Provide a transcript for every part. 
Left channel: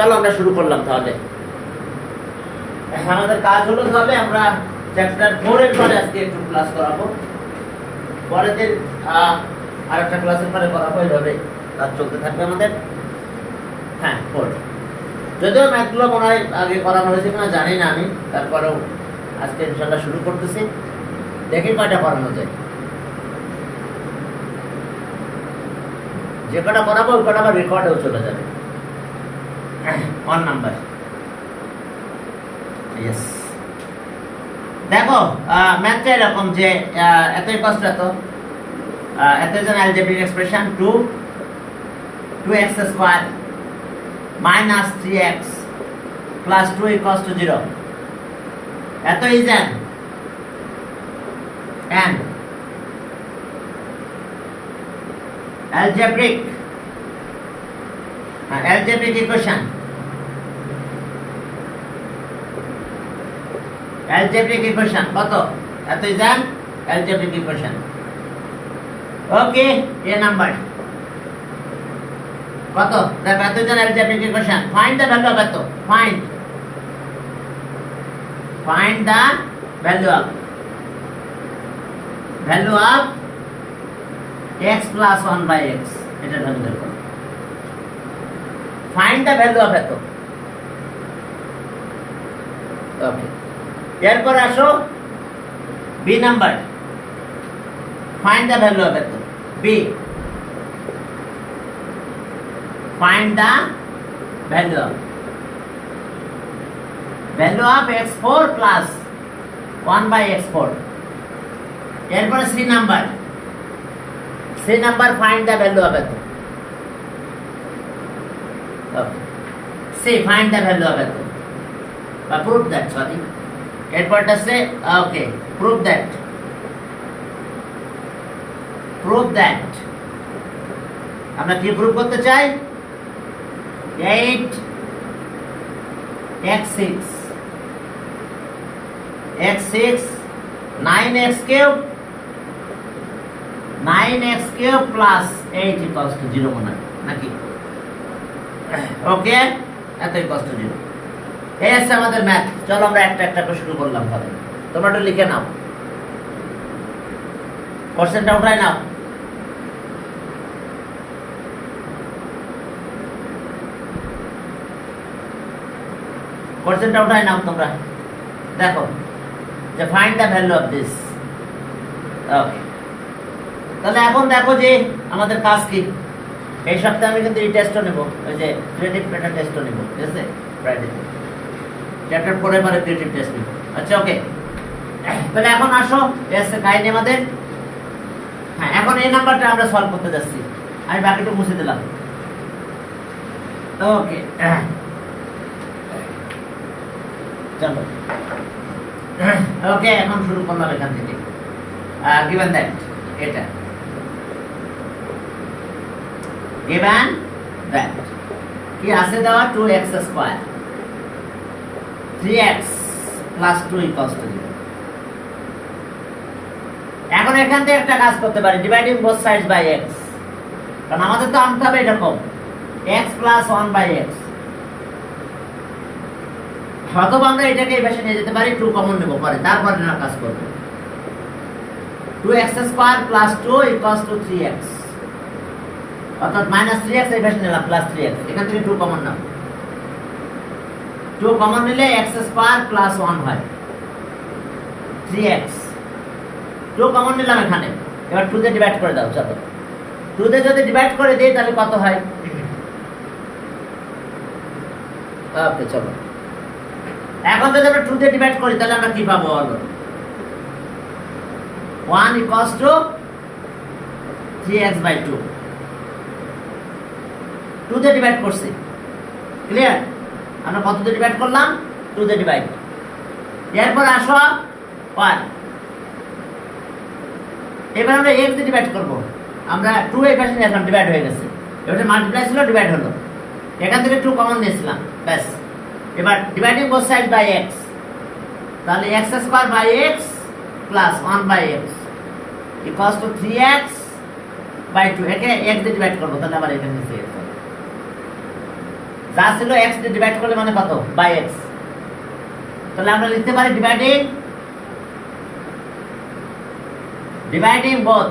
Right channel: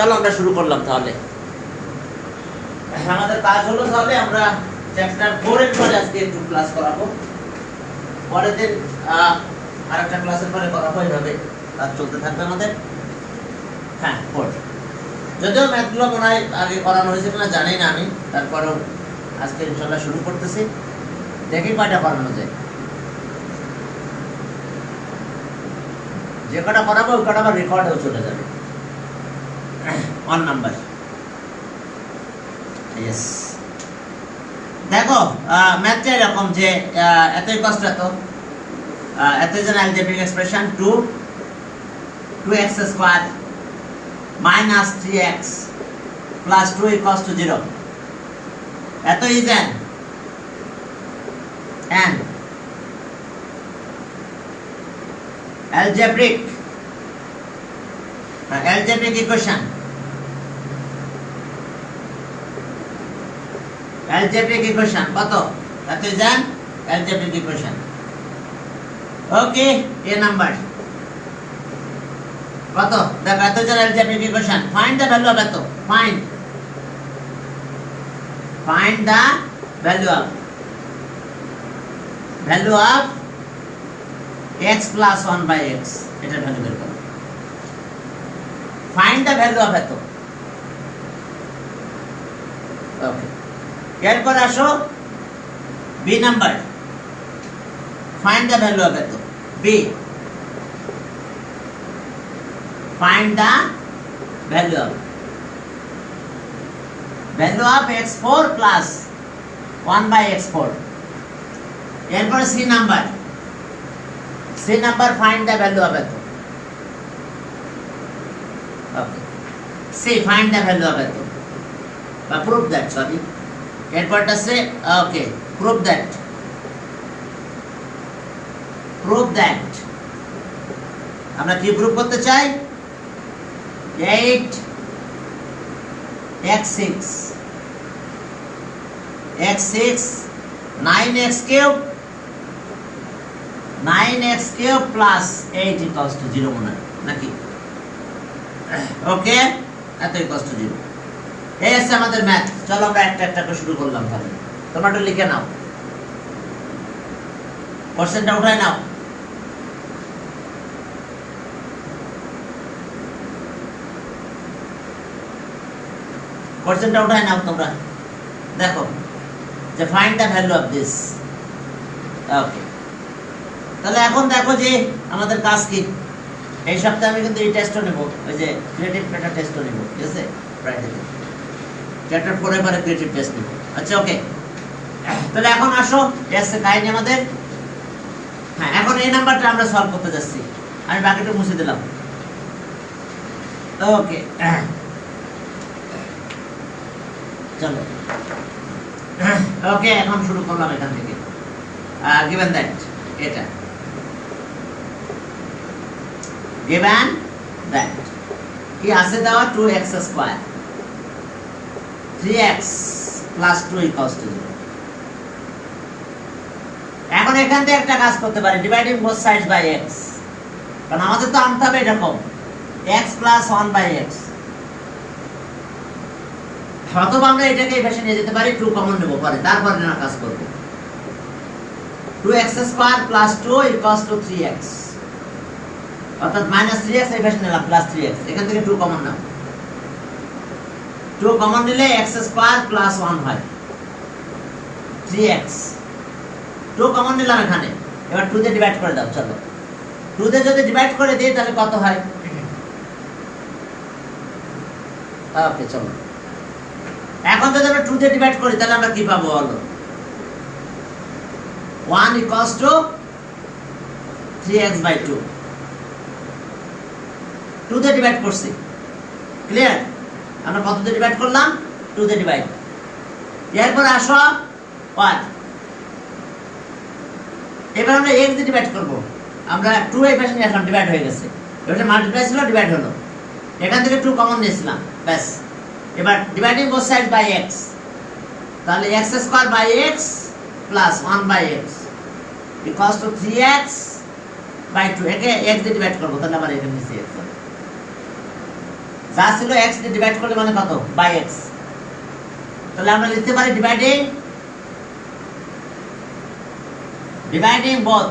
চলো আমরা শুরু করলাম তাহলে। আমাদের কাজ হলো তাহলে আমরা চ্যাপ্টার 4 এর পরে আজকে একটু ক্লাস করাবো, পরের দিন আরেকটা ক্লাসের পরে করাবো, এইভাবে কাজ চলতে থাকবে আমাদের। হ্যাঁ 4, যদিও ম্যাথগুলো মনে হয় আগে করানো হয়েছে কিনা জানি না আমি, তারপরেও আজকে ইনশাল্লাহ শুরু করতেছি, দেখি কয়টা করানো যায়। যে কটা করাবো ওই কটা আবার রেকর্ডেও চলে যাবে। 1 নাম্বার, ইয়েস। দেখো ম্যাথটা এরকম যে এতই কষ্ট, এত জন algebraic expression 2x square minus 3x plus 2 equals to 0. এত is an algebraic equation. Algebraic equation কত? এত is an algebraic equation. Okay, A number কত? দেখো এত is an algebraic equation. Find the value of এত. Find the value of x plus 1 by x. এটা value বের করো। Find the value of এত। ওকে, এরপর আসো b number. Find the value of এত। b, find the value of x4 plus 1 by x4. এরপর c number. find the value of এত। ওকে, c find the value of এত বা prove that, sorry, এরপরটা সে ওকে prove that আমরা কি prove করতে চাই? 8x6 9x cube plus 8 equals to 0 মনে হয় নাকি? ওকে, এত equals to 0। এই আছে আমাদের ম্যাথ। চলো আমরা একটা একটা করে শুরু করলাম তাহলে। তোমরা একটু লিখে নাও, কোশ্চেনটা উঠায় নাও। কোশ্চেনটা উঠায় নাও তোমরা। দেখো যে find the value of this. Okay, তাহলে এখন দেখো যে আমাদের কাজ কি। এই সপ্তাহে আমি কিন্তু এই টেস্টও নেব, ওই যে ক্রিয়েটিভ মেটা টেস্টও নেব, ঠিক আছে? ফ্রাইডেতে চ্যাপ্টার 4 এর পরে ক্রিয়েটিভ টেস্ট নেব। আচ্ছা ওকে, তাহলে এখন আসো এসে কাহিনী আমাদের। হ্যাঁ, এখন এই নাম্বারটা আমরা সলভ করতে যাচ্ছি। আমি বাকিটা মুছে দিলাম। ওকে, চলো ওকে, এখন শুরু করলাম এখান থেকে। গিভেন দ্যাট, এটা গিভেন দ্যাট কি আছে দেওয়া? 2x square 3x plus 2 equals to 0. এখন এখান থেকে একটা কাজ করতে পারি, dividing both sides by x, কারণ আমাদের তো আনতে হবে এরকম x plus 1 by x। অথবা আমরা এটাকে এই ভাষায় নিয়ে যেতে পারি, 2 কমন নেব পরে, তারপর না কাজ করব। 2x square plus 2 equals to 3x, অর্থাৎ -3x এই ভাষায় নিলাম প্লাস 3x, এখান থেকে 2 কমন নাও। 2 কমন নিলে x স্কয়ার প্লাস 1 হয় 3x। 2 কমন নিলাম এখানে, এবার 2 দিয়ে ডিভাইড করে দাও। চলো 2 দিয়ে যদি ডিভাইড করে দেই তাহলে কত হয়? ওকে, চলো এখন যদি আমরা 2 দিয়ে ডিভাইড করি তাহলে আমরা কি পাবো বলো? 1 equals to 3x by 2। 2 দিয়ে ডিভাইড করছি, ক্লিয়ার? আমরা কত দিয়ে ডিভাইড করলাম? 2 দিয়ে ডিভাইড। এরপর আসো 1, এবার আমরা x দিয়ে ডিভাইড করব। আমরা 2 এই পাশে নিয়ে আসলাম, ডিভাইড হয়ে গেছে, এবারে মাল্টিপ্লাই ছিল, ডিভাইড হলো, এখান থেকে 2 কমন নিয়েছিলাম, ব্যাস। এবার dividing both side by x, তাহলে x square by x plus 1 by x equals to 3x by 2। একে x দিয়ে ডিভাইড করব, তাহলে আবার এখানে নিচে x হবে। যা ছিল x দিয়ে ডিভাইড করলে মানে কত বাই x, তাহলে আমরা লিখতে পারি dividing both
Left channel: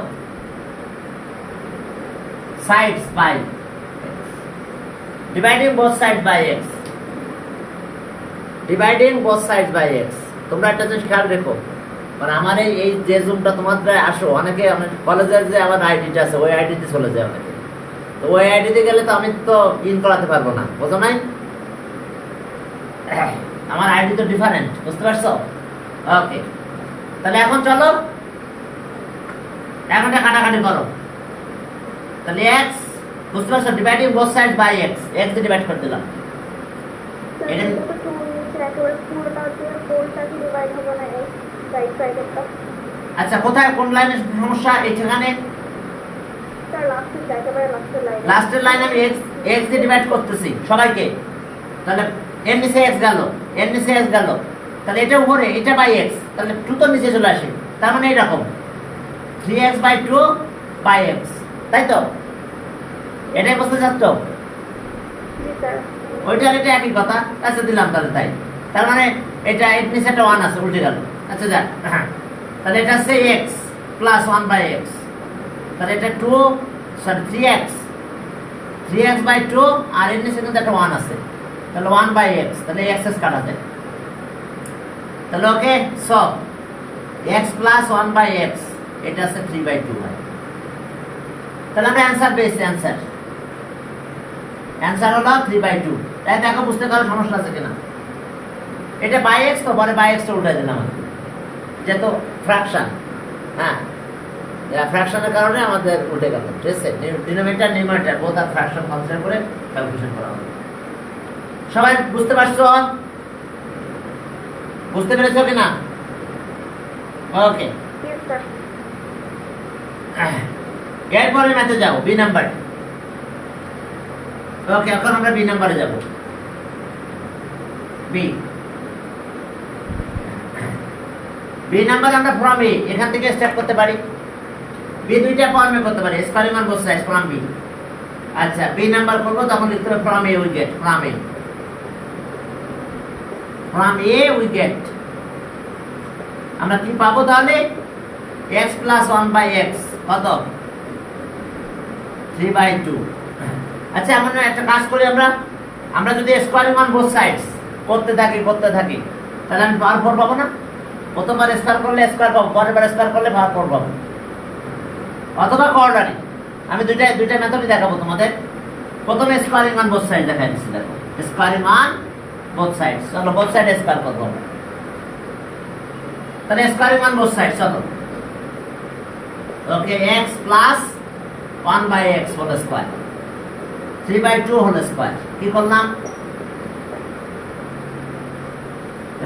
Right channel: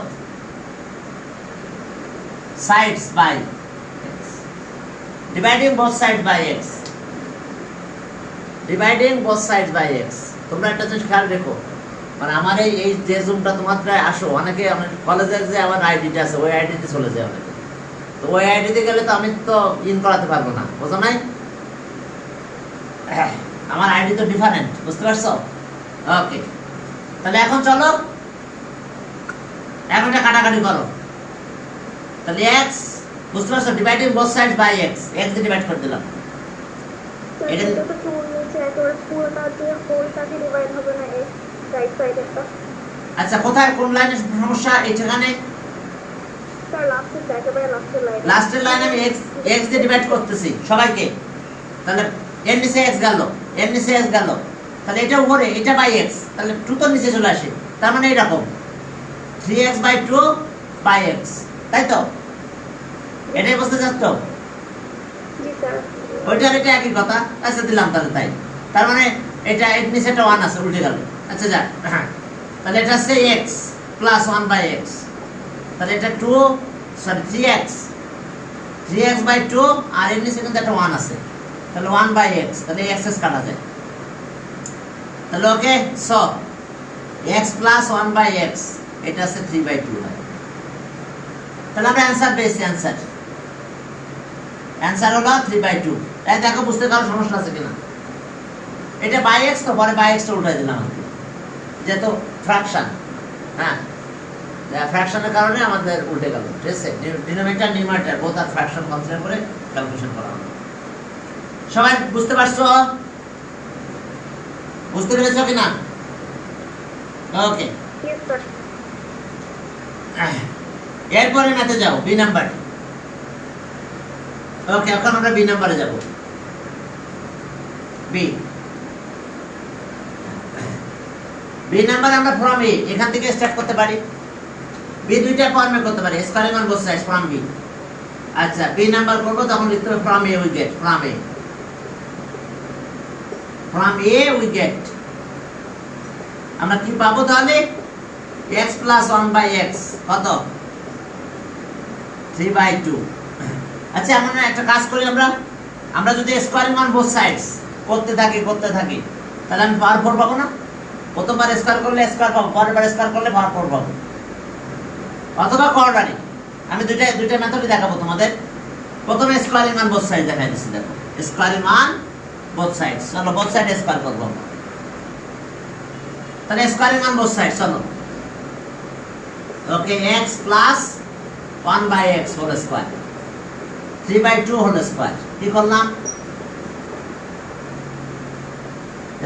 sides by x, dividing both sides by x, dividing both sides by x। তোমরা একটা জিনিস খেয়াল রেখো, মানে আমার এই যে জুমটা তোমাদের আসো অনেকে আমার কলেজের যে আমার আইডিটা আছে ওই আইডিতে চলে যায় অনেকে, তো ওই আইডিতে গেলে তো আমি তো ইন করাতে পারবো না, বুঝো নাই? আমার আইডি তো ডিফারেন্ট, বুঝতে পারছো? ওকে, তাহলে এখন চলো এখন এটা কাটাকাটি করো। তাহলে x বুঝতে পারছো, dividing both sides by x, x দিয়ে ডিভাইড করে দিলাম। এটা আচ্ছা কোথায় কোন লাইনের সমস্যা? এখানে লাস্টের লাইন আমি x দিয়ে ডিভাইড করতেছি সবাইকে, তাহলে এর নিচে x গেল, এর নিচে x গেল, তাহলে এটা উপরে, এটা বাই x, তাহলে 2 তো নিচে চলে আসে, তার মানে এরকম 3x বাই 2 বাই x, তাই তো? এটাই বুঝতে চাচ্ছ? ওইটার এটা একই কথা, আচ্ছা দিলাম তাহলে তাই, তার মানে এটা এর নিচে একটা 1 আছে, উল্টে গেল। আচ্ছা যাক, তাহলে এটা হচ্ছে x প্লাস 1 বাই x, তাহলে এটা 3x বাই 2, আর এর নিচে কিন্তু একটা 1 আছে, তাহলে 1 বাই x, তাহলে x কাটা যায়। তাহলে okay, so x plus 1 by x, এটা আছে 3 বাই 2। তাহলে আমরা অ্যানসার পেয়েছি, অ্যানসার হলো 3 বাই 2। তাই দেখো বুঝতে কারো সমস্যা আছে কিনা? এটা বাই x, তো পরে বাই x টা উল্টাই দিলাম আমি, যেহেতু ফ্র্যাকশন, হ্যাঁ ফ্র্যাকশনের কারণে আমাদের উল্টে গেল, ঠিক আছে? ডিনোমিনেটর নিউমারেটর বোথ আর ফ্র্যাকশন কনসিডার করে ক্যালকুলেশন করা হলো। সবাই বুঝতে পারছো? বুঝতে পেরেছো কিনা? ওকে, এরপরে ম্যাথে যাও, বি নাম্বার। ওকে, এখন আমরা বি নাম্বারে যাব। বি নাম্বার আমরা ফ্রম এ এখান থেকে স্টার্ট করতে পারি। বি দুইটা ফর্মে করতে পারি, squaring on both sides from B. আচ্ছা, বি নাম্বার করব তখন লিখতে হবে from A we get, from A we get আমরা কি পাবো তাহলে? x প্লাস 1 বাই x কত? 3 বাই 2। আচ্ছা, আমরা একটা কাজ করি, আমরা যদি স্কোয়ারিং অন বোথ সাইডস করতে থাকি তাহলে আমি পাওয়ার 4 পাবো না? প্রথমবার স্কোয়ার করলে স্কোয়ার পাবো, পরের বার স্কোয়ার করলে পাওয়ার 4 পাবো, অথবা কোয়াড্রাটিক। আমি দুইটা মেথডই দেখাবো তোমাদের। প্রথমে স্কোয়ারিং অন বোথ সাইড দেখাই দিচ্ছি, দেখো স্কোয়ারিং অন বোথ সাইডস। চলো বোথ সাইড স্কোয়ার করবো, তাহলে স্কোয়ারিং অন বোথ সাইড। চলো okay, x plus 1 by x whole square, 3 by 2 whole square. কি করলাম?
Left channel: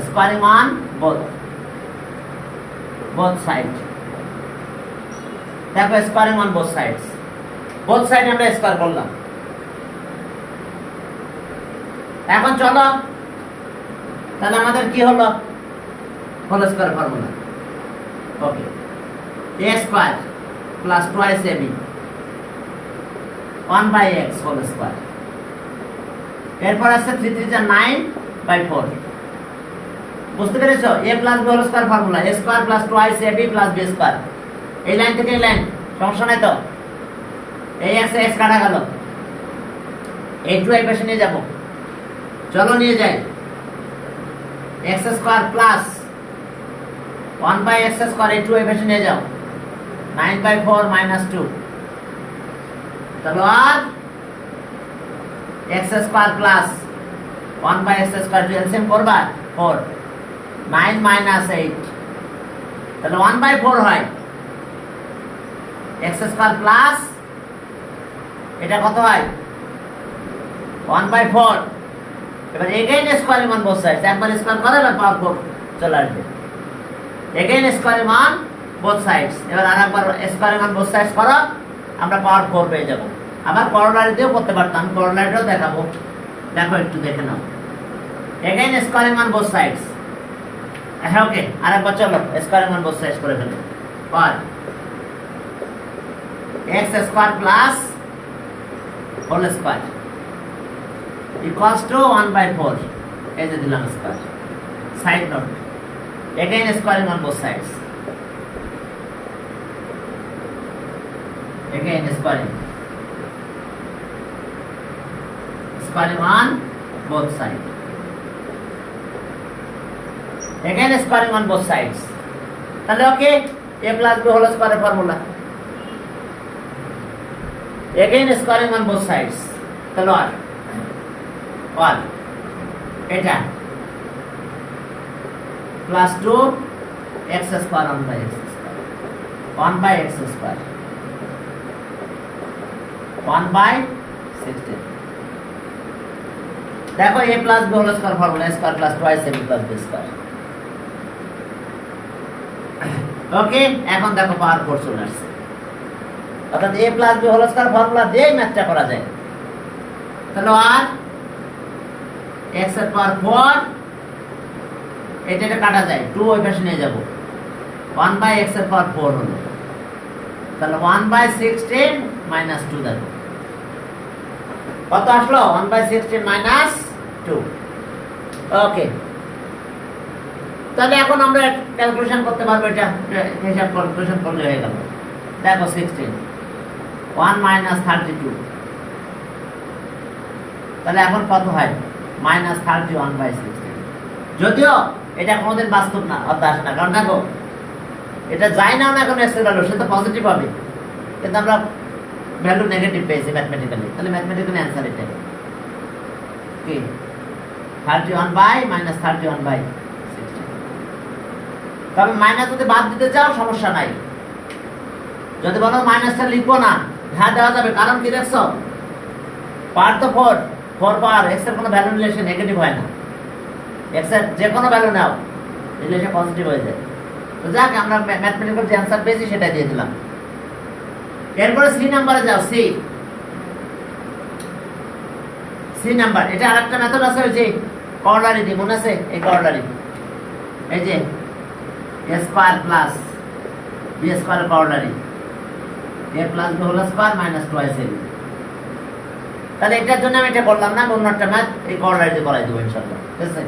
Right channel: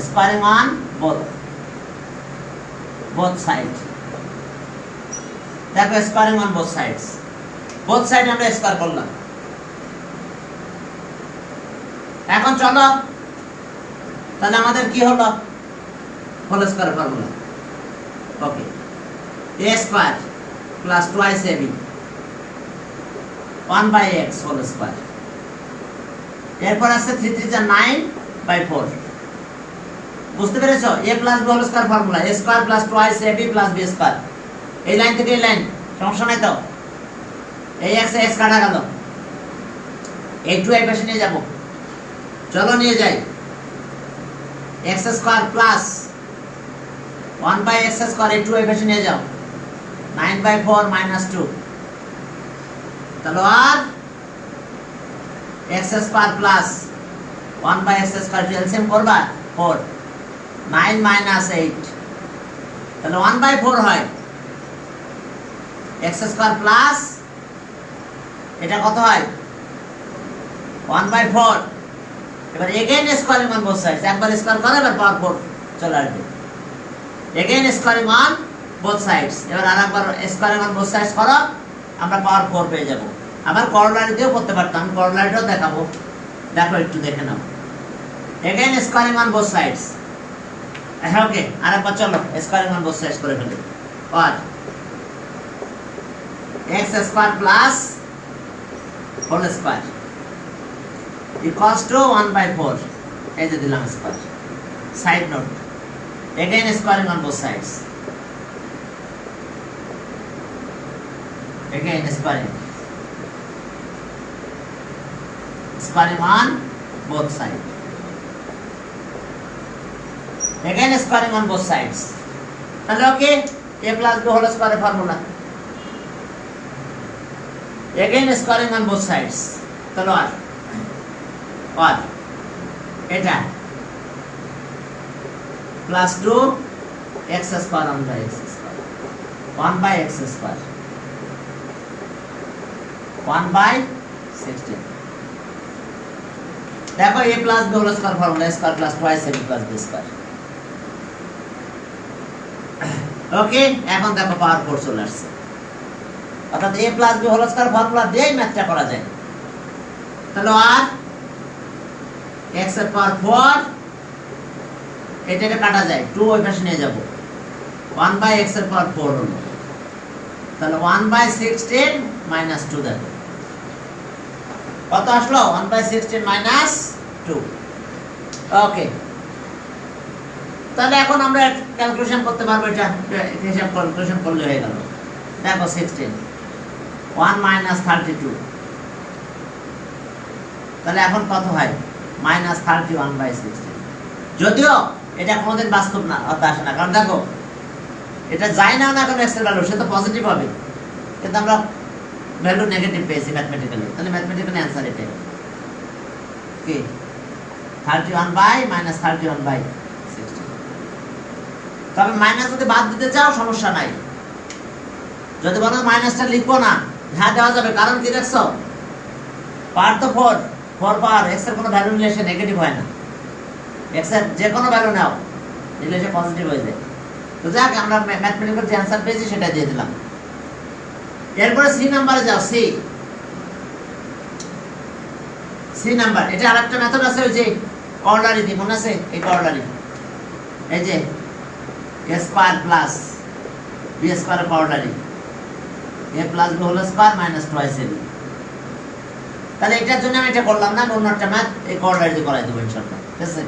Squaring on both side. দেখো squaring on both sides, both side আমরা square করলাম। এখন চলো, তাহলে আমাদের কি হলো? Whole square formula. Okay, a square plus 2ab 1 by x whole square. এরপর আছে 3 3 9 বাই 4। বুঝতে পেরেছো? a plus b whole square formula, a square plus 2ab plus b square. এই লাইন থেকে এই লাইন, সমস্যা নাই তো? এই x কাটা গেল, এই 2 এই পাশে নিয়ে যাব, চলো নিয়ে যাই। x square plus 1 by x square, এই 2 এই পাশে নিয়ে যাও, 9 বাই 4 মাইনাস 2। তাহলে আর x square plus 1 by x square LCM করবা 4, 9 মাইনাস 8, তাহলে 1 বাই 4 হয়। x স্কোয়ার প্লাস এটা কত হয়? 1 বাই 4। এবার again squaring on both sides, একবার স্কোয়ার করে এবার পাওয়ার 4 চলে আসবে। Again squaring on both sides, এবার আরেকবার স্কোয়ারিং অন বোথ সাইডস করো, আমরা পাওয়ার 4 পেয়ে যাব। আবার করোলারি দিয়েও করতে পারতাম, করোলারিটাও দেখাবো, দেখো একটু দেখে নাও। Again squaring on both sides. হ্যাঁ ওকে, আরেকবার চলো স্কোয়ারিং অন বোথ সাইডস করে ফেলি। আর x square plus whole square equals to 1/4 এই যে দিলাম square side note again squaring on both sides again squaring on both sides again squaring on both sides তাহলে ওকে a plus b whole square formula again squaring on both sides তাহলে আর এটা plus 2 x square 1 by x square 1 by x square 1 by 16 দেখো a plus b whole square formula a square plus twice ab plus b square ওকে এখন দেখো পাওয়ার 4 চলে আসছে অর্থাৎ a plus b whole square formula দিয়ে ম্যাথটা করা যায় তাহলে আর x এর পাওয়ার 4 এটা কাটা যায় 2 ওই পাশে নিয়ে যাব 1 বাই x এর পাওয়ার 4 হলো তাহলে 1 বাই 16 মাইনাস 2 দেখো কত আসলো 1 বাই 16 মাইনাস 2 ওকে তাহলে এখন আমরা ক্যালকুলেশন করতে পারবো এটা হিসাব ক্যালকুলেশন করলে হয়ে গেল দেখো 16 1 মাইনাস 32 তাহলে এখন কত হয় মাইনাস 31 বাই 16 যদিও এটা কোনোদিন বাস্তব না অর্থ আসে না কারণ দেখো এটা যায় না কোনো এক্স এর ভ্যালু সে তো পজিটিভ হবে কিন্তু আমরা ভ্যালু নেগেটিভ পেয়েছি ম্যাথমেটিক্যালি তাহলে ম্যাথমেটিক্যালি অ্যানসার এটা কি 31 বাই মাইনাস 31 বাই 16 তবে মাইনাস যদি বাদ দিতে চাও সমস্যা নাই যদি বলো মাইনাসটা লিখবো না হ্যাঁ দেওয়া যাবে কারণ কি দেখছো পাওয়ার তো 4 পাওয়ার এক্স এর কোনো ভ্যালু নিলে সে নেগেটিভ হয় না x এর যে কোনো ভ্যালু নাও নিলে সে পজিটিভ হয়ে যায় তো যাক আমরা ম্যাথমেটিক্যাল যে অ্যানসার পেয়েছি সেটা দিয়ে দিলাম এরপরে সি নাম্বারে যাও সি নাম্বার এটা আরেকটা মেথড আছে ওই যে কর্নারি দি মনে আছে এই কর্নারি এই যে a square plus b square corollary a plus b whole square minus twice ab তাহলে এটার জন্য আমি এটা করলাম না অন্য একটা ম্যাথ এই কর্নারি দিয়ে করাই দেব ইনশাআল্লাহ ঠিক আছে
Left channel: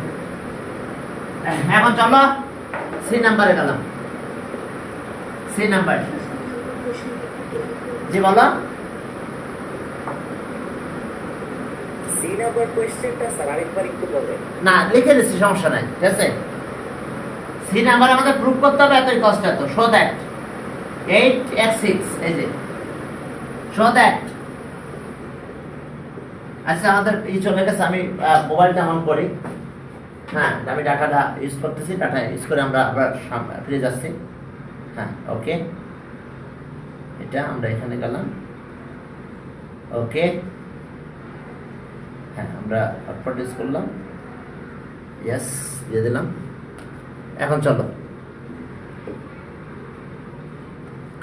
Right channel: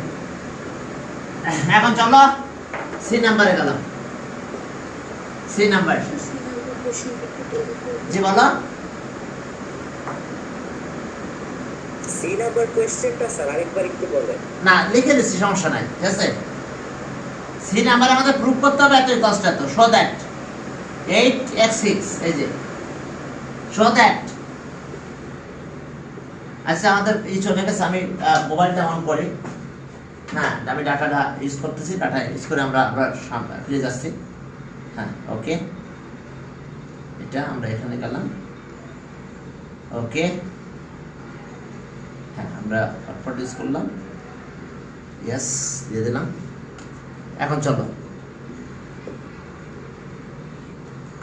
এখন চলো সি নাম্বারে গেলাম সি নাম্বার জি বলো সি নাম্বার কোশ্চেনটা স্যার আরেকবার একটু বলবেন না লিখে দিচ্ছি সমস্যা নাই ঠিক আছে সি নাম্বার আমাদের প্রুফ করতে হবে এতই কষ্ট এত শো দ্যাট 8x6 এই যে শো দ্যাট আচ্ছা আমাদের এই চলে গেছে আমি মোবাইলটা অন করি না আমি ডাটাটা ইউজ করতেছি ডাটা ইউজ করে আমরা আবার ফিরে যাচ্ছি হ্যাঁ ওকে এটা আমরা এখানে গেলাম ওকে হ্যাঁ আমরা হটস্পট ইউজ করলাম ইয়েস দিয়ে দিলাম এখন চলো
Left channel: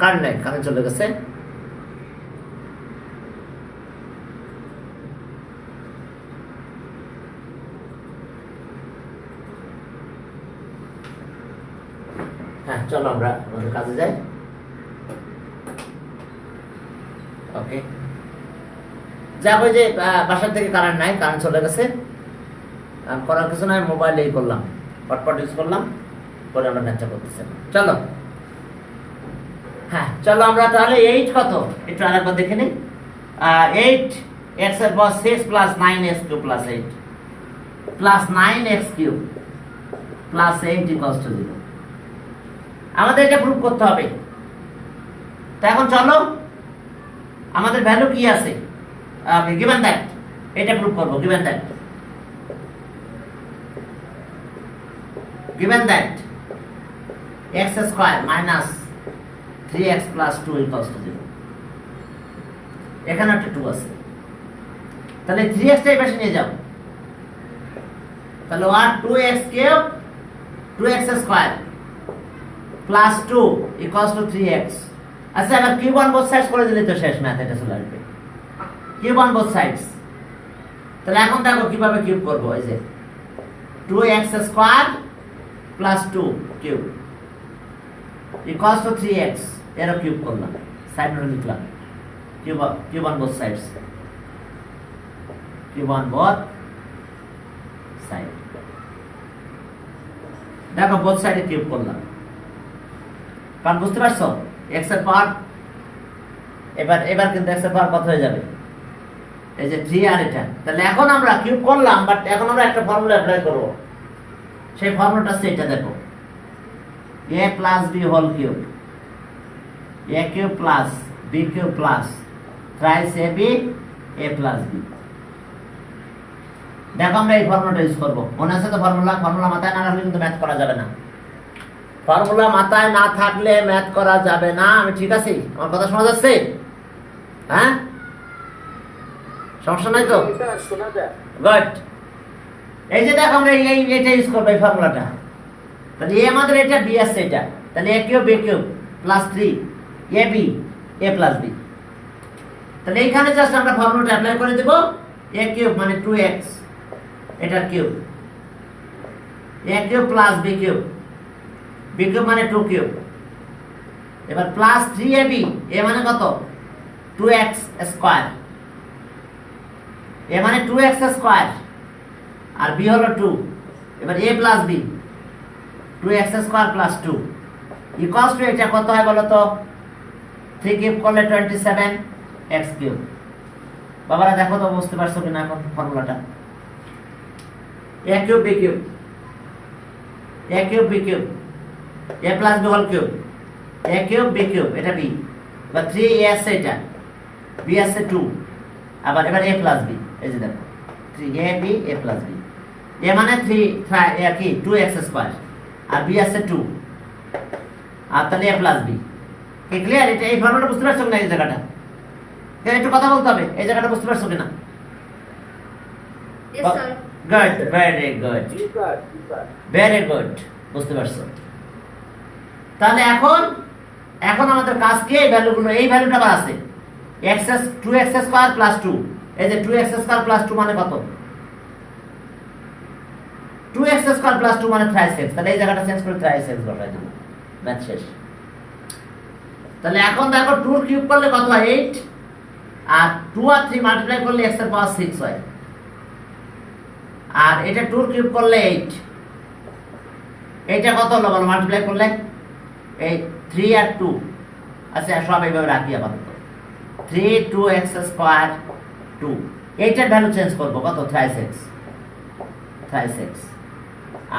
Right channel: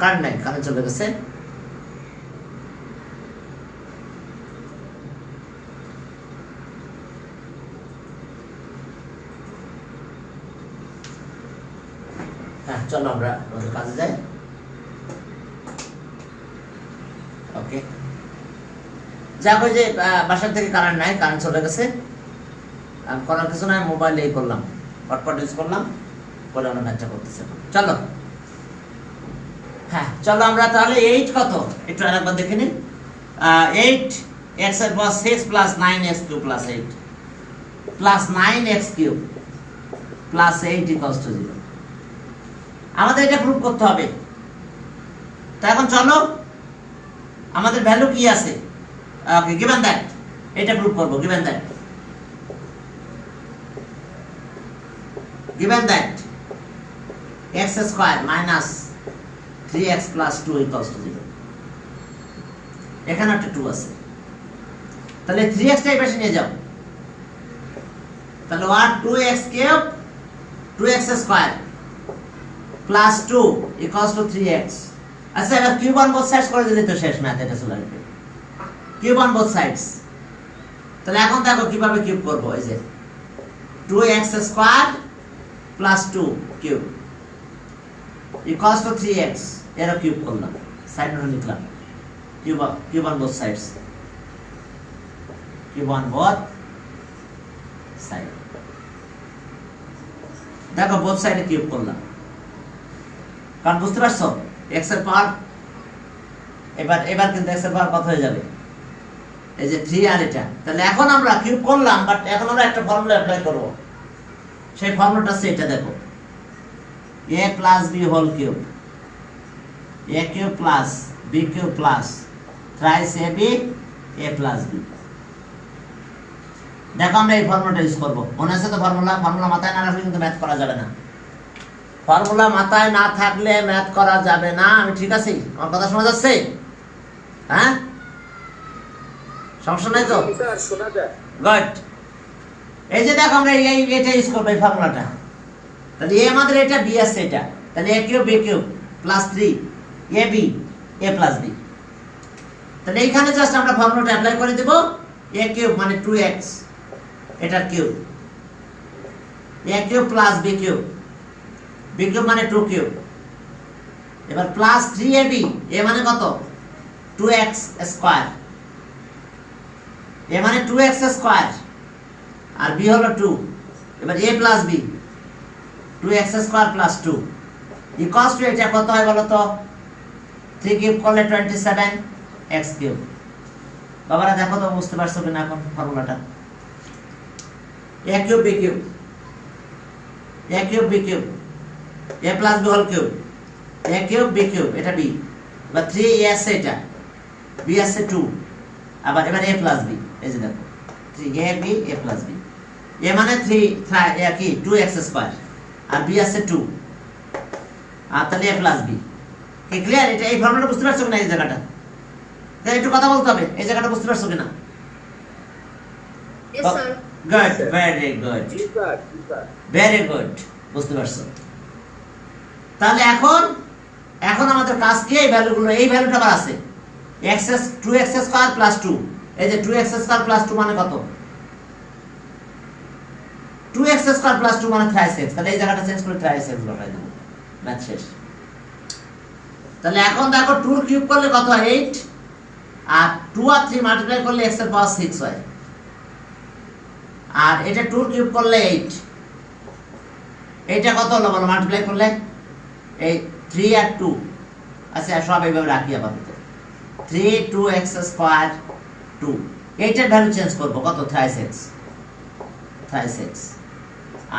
কারেন্ট নাই কারেন্ট চলে গেছে হ্যাঁ চলো আমরা কাজে যাই ওকে যাক ওই যে বাসার থেকে কারেন্ট নাই কারেন্ট চলে গেছে করার কিছু নাই মোবাইলেই করলাম হটস্পট ইউজ করলাম করে আমরা ম্যাচটা করতেছি চলো হ্যাঁ চলো আমরা তাহলে 8 কত একটু আরেকবার দেখে নিই 8 x এর পাওয়ার 6 plus 9x cube plus 8 plus 9x cube plus 8 equals to 0 আমাদের এটা প্রুফ করতে হবে তো এখন চলো আমাদের ভ্যালু কি আছে ওকে গিভেন দ্যাট এটা প্রুফ করব given that x square minus 3x plus 2 equals to 0 এখানে একটা 2 আছে তাহলে 3x টাই পাশে নিয়ে যাও তাহলে 2x cube 2x square plus 2 equals to 3x আচ্ছা এবার কিউব অন বোথ সাইডস করে দিলে তো শেষ ম্যাথ এটা চলে আসবে কিউব অন বোথ সাইডস তাহলে এখন দেখো কিভাবে কিউব করব এই যে 2x square plus 2 cube equals to 3x এর কিউব করলাম সাইড নোট লিখলাম cube on both sides cube on both side. দেখো বোথ সাইডে কিউব করলাম, কারণ বুঝতে পারছো x এর পাওয়ার, এবার কিন্তু x এর পাওয়ার কত হয়ে যাবে, এই যে 3 আর এটা। তাহলে এখন আমরা কিউব করলাম, বাট এখন আমরা একটা ফর্মুলা অ্যাপ্লাই করব। সেই ফর্মুলাটা আছে এটা, দেখো a plus b whole cube, a cube plus b cube plus thrice ab a plus b। দেখো আমরা এই ফর্মুলাটা ইউজ করব। মনে আছে তো ফর্মুলা? ফর্মুলা মাথায় না রাখলে কিন্তু ম্যাথ করা যাবে না। ফর্মুলা মাথায় না থাকলে ম্যাথ করা যাবে না। আমি ঠিক আছি? আমার কথা শোনা যাচ্ছে? হ্যাঁ, সমস্যা নাই তো? স্যার শোনা যায়। গুড। এই যে দেখো আমরা এটা ইউজ করব, এই ফর্মুলাটা। তাহলে এ আমাদের এটা, বি আছে এটা, তাহলে a cube b cube plus 3 ab a plus b। তাহলে এইখানে জাস্ট আমরা ফর্মুলাটা অ্যাপ্লাই করে দেব। a কিউব মানে 2x, এটার cube, a cube plus b cube, b cube মানে 2 কিউব, এবার প্লাস 3ab, a মানে কত 2x স্কয়ার, a মানে 2x স্কয়ার আর b হলো 2, এবার a plus b 2x square plus 2 equals to এটা কত হয় বলো তো? 3 কিউব করলে 27x কিউব। বাবারা দেখো তো বুঝতে পারছো কিনা এখন ফর্মুলাটা? a cube b cube, a cube b cube, a plus b whole cube, a cube b cube, এটা b, এবার 3 a আছে, এটা b আছে 2, আবার এবার a প্লাস b, এই যে দেখো 3ab a plus b, a মানে 3 কি 2x স্কয়ার আর b আছে 2, আর তাহলে a প্লাস b। কি ক্লিয়ার? এটা এই ফর্মুলাটা বুঝতে পারছো কিনা? এই জায়গাটা তাহলে একটু কথা বলতে হবে, এই জায়গাটা বুঝতে পারছো কিনা? Yes, sir. Good, very good, ji sir, ji sir. Very good, বুঝতে পারছো। তাহলে এখন আমাদের কাজ কি? এই ভ্যালুগুলো, এই ভ্যালুটা আবার আছে x 2x স্কয়ার প্লাস 2, এই যে 2x স্কয়ার প্লাস 2 মানে কত? 2x স্কয়ার প্লাস 2 মানে 3x। তাহলে এই জায়গাটা চেঞ্জ করে 3x বসাই দেব, ম্যাথ শেষ। তাহলে এখন দেখো 2 কিউব করলে কত হয় 8, আর 2 আর 3 মাল্টিপ্লাই করলে x এর পাওয়ার 6 হয়, আর এটা 2 কিউব করলে 8, এটা কত হলো বলো মাল্টিপ্লাই করলে? এই 3 আর 2, আচ্ছা সব এইভাবে রাখি আপাতত। 3 2x স্কয়ার 2, এইটার ভ্যালু চেঞ্জ করব কত? 3x,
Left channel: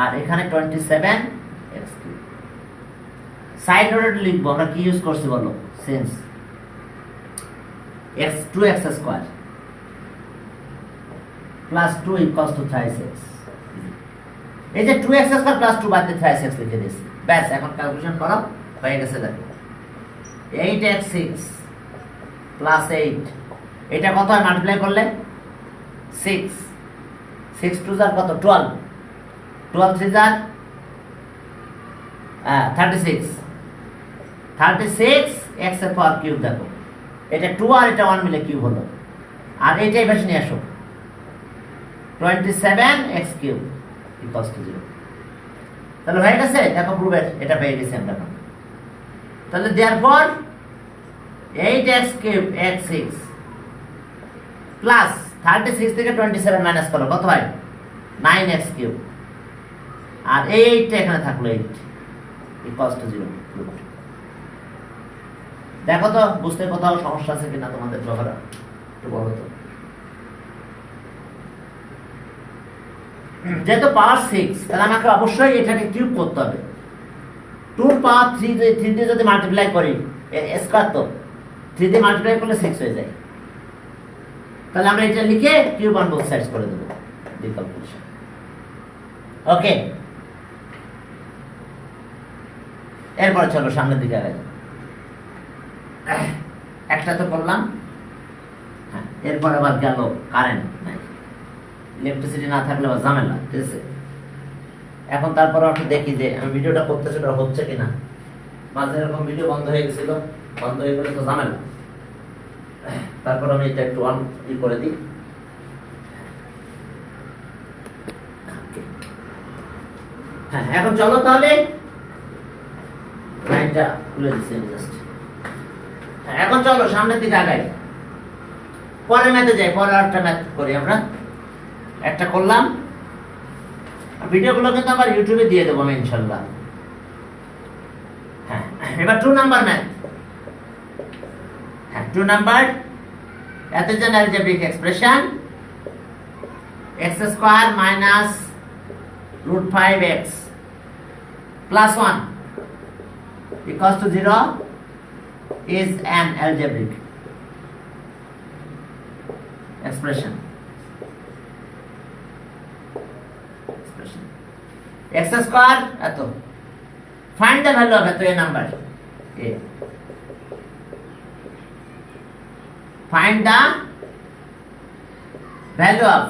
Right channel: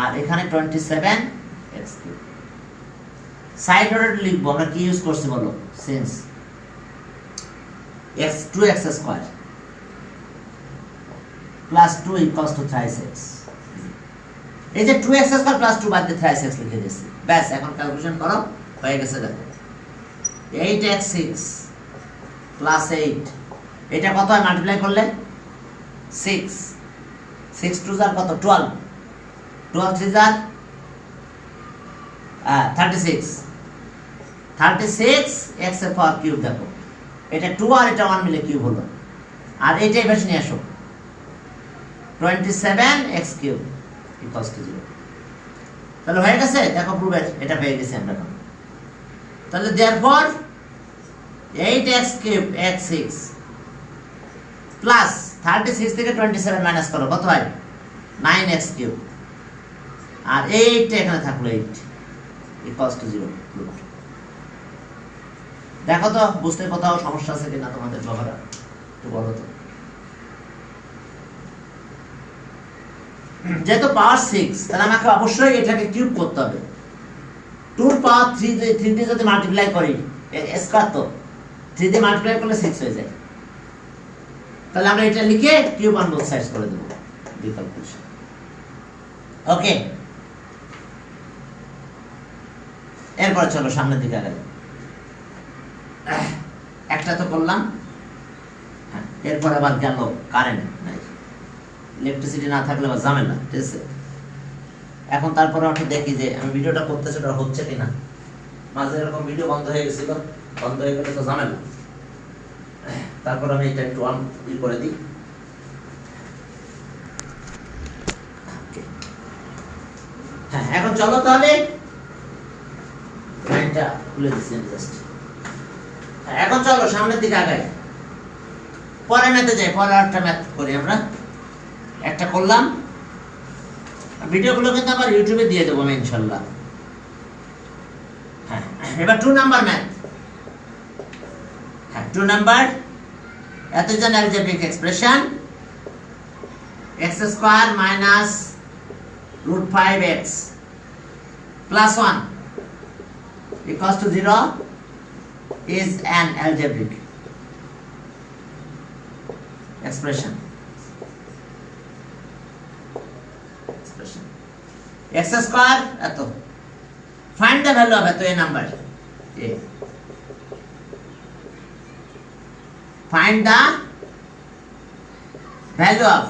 আর এখানে 27x কিউব। সাইড নোটে লিখবো আমরা কি ইউজ করছি বলো? Sense x 2x square plus 2 equals to 3x। এই যে 2x স্কয়ার প্লাস 2 বাদ দিয়ে 3x লিখে দিয়েছি, ব্যাস। এখন ক্যালকুলেশন করো, হয়ে গেছে। দেখো 8x6 প্লাস 8, এটা কত হয় মাল্টিপ্লাই করলে? 6, 6 2 আর কত 12, 12 3 আর 36, 36 x এর পাওয়ার কিউব। দেখো এটা 2 আর এটা 1 মিলে কিউব হলো, আর এইটাই বেশি নিয়ে আসো 27x কিউব ইকুয়ালস টু 0। তাহলে হয়ে গেছে, দেখো প্রুফের এটা পেয়ে গেছি আমরা এখন। তাহলে therefore 8x cube x6 plus 36 থেকে 27 মাইনাস করো, কত হয় 9x কিউব, আর এই 8টা এখানে থাকলো 8 ইকুয়ালস টু 0। দেখো তো বুঝতে কোথাও সমস্যা আছে কিনা তোমাদের বাবারা, একটু বলো তো। যেহেতু পাওয়ার 6, তাহলে আমাকে অবশ্যই এটাকে কিউব করতে হবে। 2 পাওয়ার 3 দিয়ে যদি মাল্টিপ্লাই করি, স্কয়ার তো 3 দিয়ে মাল্টিপ্লাই করলে 6 হয়ে যায়। তাহলে আমরা এটা লিখে কিউব অন বোথ সাইডস করে দেব, ডিকম্পোজিশন। ওকে, এরপর চলো সামনের দিকে আগাই। একটা তো করলাম, হ্যাঁ, এরপর আবার গেল কারেন্ট নাই, ইলেকট্রিসিটি না থাকলে আবার ঝামেলা, ঠিক আছে। এখন তারপরে একটু দেখি যে আমি ভিডিওটা করতেছি ওটা হচ্ছে কিনা। মাঝে এরকম ভিডিও বন্ধ হয়ে গেছিল, বন্ধ হয়ে গেলে তো ঝামেলা। তারপর আমি এটা একটু অন করে দিই। হ্যাঁ, এখন চলো তাহলে লাইনটা খুলে দিচ্ছি জাস্ট। এখন চলো সামনের দিকে আগাই, পরে ম্যাথে যাই, পরে আরেকটা ম্যাথ করি আমরা। একটা করলাম, ভিডিওগুলো কিন্তু আবার ইউটিউবে দিয়ে দেবো আমি ইনশাল্লাহ। হ্যাঁ, এবার 2 নাম্বার ম্যাথ। হ্যাঁ, 2 number, that is an algebraic expression x square minus root 5x plus 1 equals to 0 is an algebraic expression. x square এত, find the value of এত a number a, find the value of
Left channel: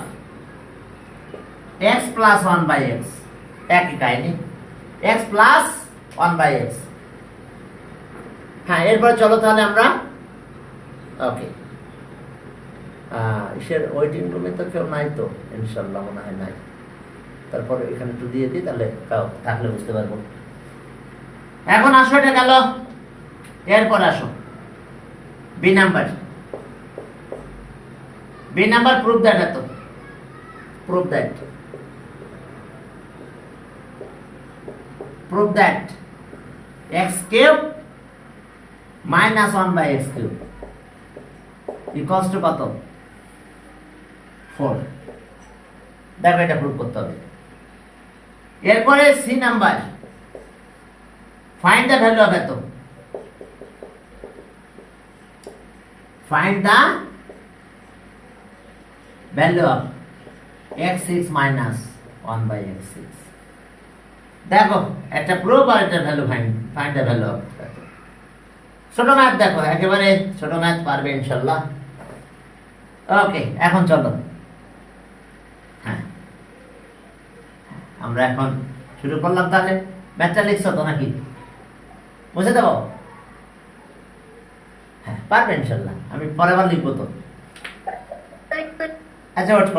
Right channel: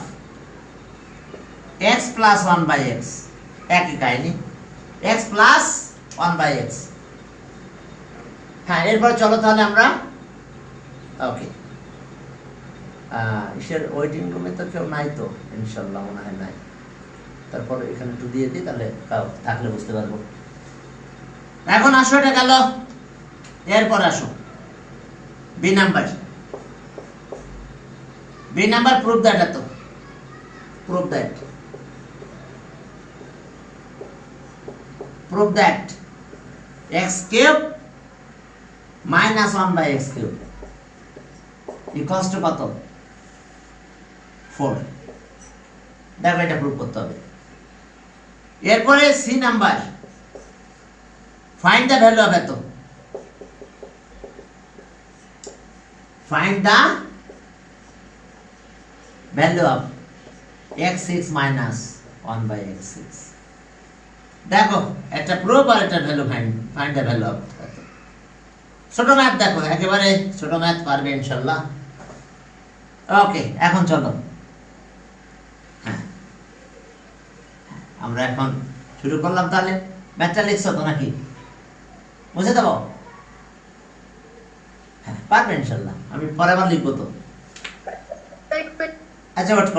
x plus 1 by x, একই কাহিনী, x plus 1 by x। হ্যাঁ, এরপর চলো তাহলে আমরা ওকে ইসের ওয়েটিং রুমে তো কেউ নাই তো ইনশাল্লাহ, মনে হয় নাই। তারপর এখানে একটু দিয়ে দিই, তাহলে থাকলে বুঝতে পারবো। এখন আসো, এটা গেল। এরপর আসো B number. B number, prove that, এত prove that, prove that X cube minus 1 by X cube equals to কত? 4। দেখো, এটা প্রুভ করতে হবে। এরপরে C number, find the value of এত, find the value of x6 minus 1 by x6। দেখো, একটা প্রুভ আর একটা value find the value of এত। ছোট ম্যাথ, দেখো একেবারে ছোট ম্যাথ পারবে ইনশাল্লাহ। ওকে, এখন চলো। হ্যাঁ, আমরা এখন শুরু করলাম। তাহলে ম্যাথটা লিখছো তো নাকি? বুঝে দেবো? হ্যাঁ, পারবে ইনশাল্লাহ। আমি পরের বার লিখবো তো। আচ্ছা, ওয়েট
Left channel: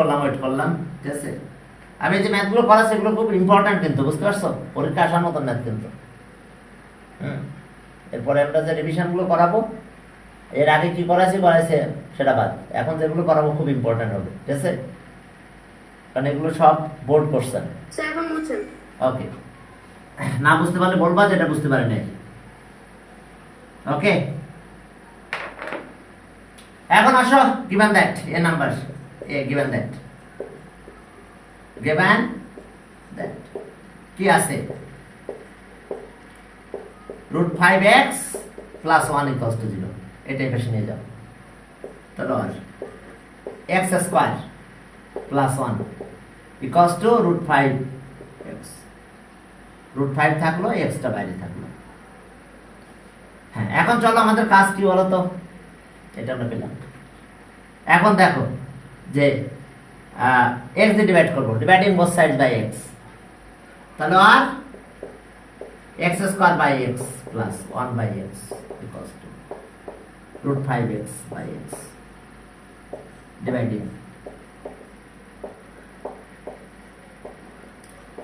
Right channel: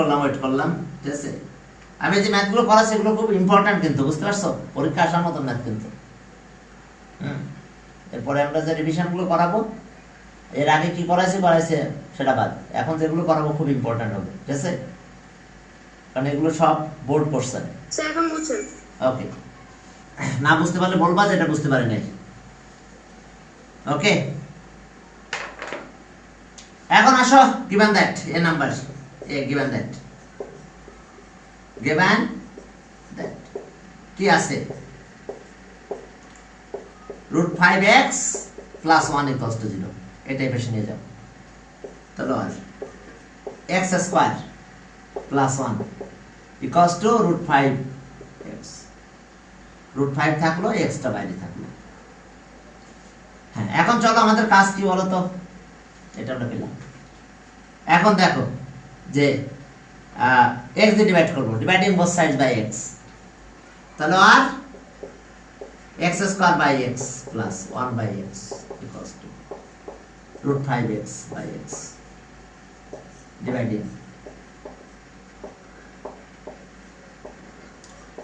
করলাম, ঠিক আছে। আমি যে ম্যাথগুলো করাচ্ছি এগুলো খুব ইম্পর্টেন্ট কিন্তু, বুঝতে পারছো? পরীক্ষা আসার মতো ম্যাথ কিন্তু। এরপরে আমরা যে রিভিশনগুলো করাবো, এর আগে কি করাইছে সেটা বাদ, এখন যেগুলো করাবো খুব ইম্পর্টেন্ট হবে, ঠিক আছে? কারণ এগুলো সব বোর্ড কোশ্চেন। ওকে, না বুঝতে পারলে বলবা যেটা বুঝতে পারি নাই। ওকে, এখন আসো, given that a number, given that কি আছে? root 5x plus 1 equals to 0, এটাই পেশে নিয়ে যাও। তাহলে আর x square plus 1 equals to root 5x, root 5 থাকলো, x টা বাইরে থাকলো। হ্যাঁ, এখন চলো আমাদের কাজ কি বলো তো? এটা আমরা পেলাম। এখন দেখো যে x দিয়ে ডিভাইড করবো, dividing both sides by x। তাহলে আর x square by x plus 1 by x equals to root 5x by x, dividing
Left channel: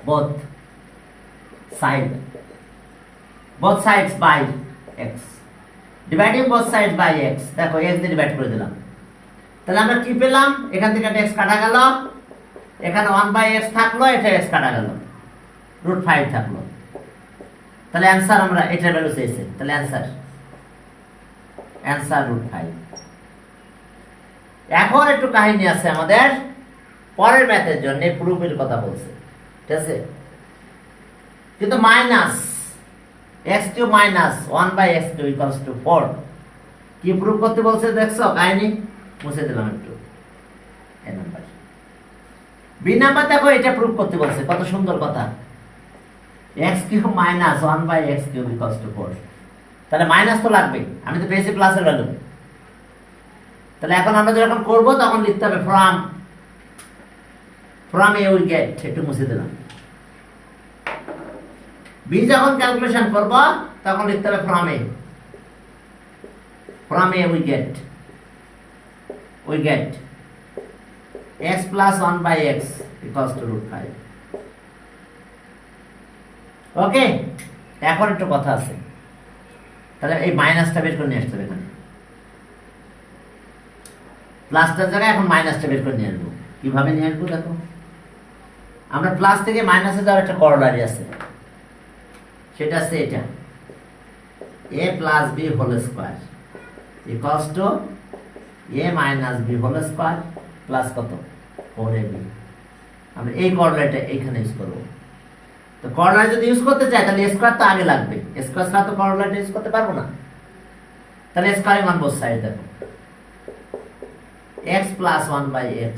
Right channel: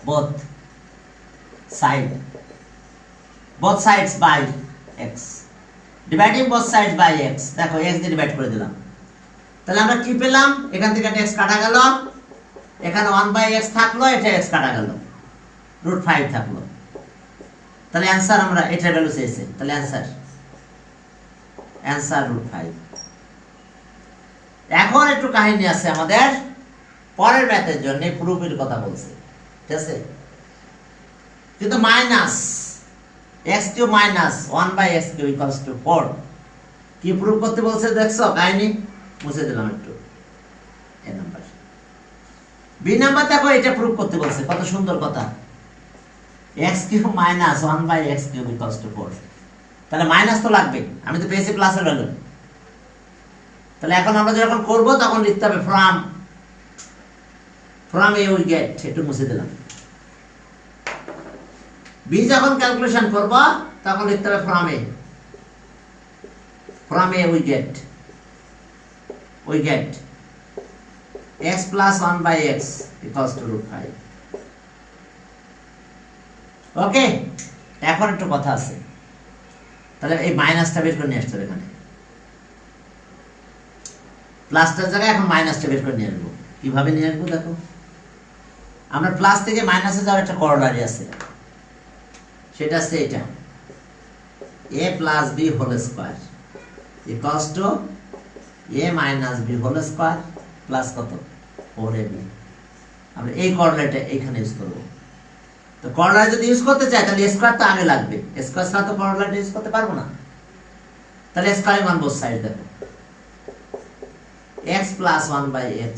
both sides by x, dividing both sides by x। দেখো, x দিয়ে divide করে দিলাম। তাহলে আমরা কি পেলাম? এখান থেকে একটা x কাটা গেল, এখানে 1 by x থাকলো, এটা x কাটা গেল, root 5 থাকলো। তাহলে অ্যান্সার, আমরা এটার ভ্যালু চেয়েছি, তাহলে অ্যান্সার root 5। এখন একটু কাহিনী আছে আমাদের পরের ম্যাথের জন্য, প্রুফের কথা বলছে, ঠিক আছে? কিন্তু minus x cube minus 1 by x cube equals to 4 কি প্রুফ করতে বলছে? দেখছো কাহিনী? মুছে দিলাম একটু। এ নাম্বার, বি নাম্বার, দেখো এটা প্রুফ করতে বলছে, কত সুন্দর কথা। x cube minus 1 by x cube equals to 4, তাহলে মাইনাস তো লাগবে, আমি তো পেয়েছি প্লাসের ভ্যালু। তাহলে এখন আমরা যখন করব তখন লিখতে হবে ফ্রম এ উই গেট, একটু মুছে দিলাম। বি যখন ক্যালকুলেশন করব তখন লিখতে হবে from A we gate x plus 1 by x equals to root 5। ওকে, এখন একটু কথা আছে। তাহলে এই মাইনাসটা বের করে নিয়ে আসতে হবে এখানে, প্লাসটার জায়গায় এখন মাইনাসটা বের করে নিয়ে আসবো। কিভাবে নিয়ে আসবো? দেখো, আমরা প্লাস থেকে মাইনাসে যাওয়ার একটা করলারি আছে, সেটা হচ্ছে এটা a plus b whole square equals to a minus b whole square plus কত 4ab। আমরা এই করলারিটা এইখানে ইউজ করব। তো করলারি যদি ইউজ করতে চাই তাহলে স্কোয়ার তো আগে লাগবে, স্কোয়ার ছাড়া তো করলারিটা ইউজ করতে পারবো না। তাহলে স্কোয়ারিং অন বোথ সাইড দেখো x plus 1 by x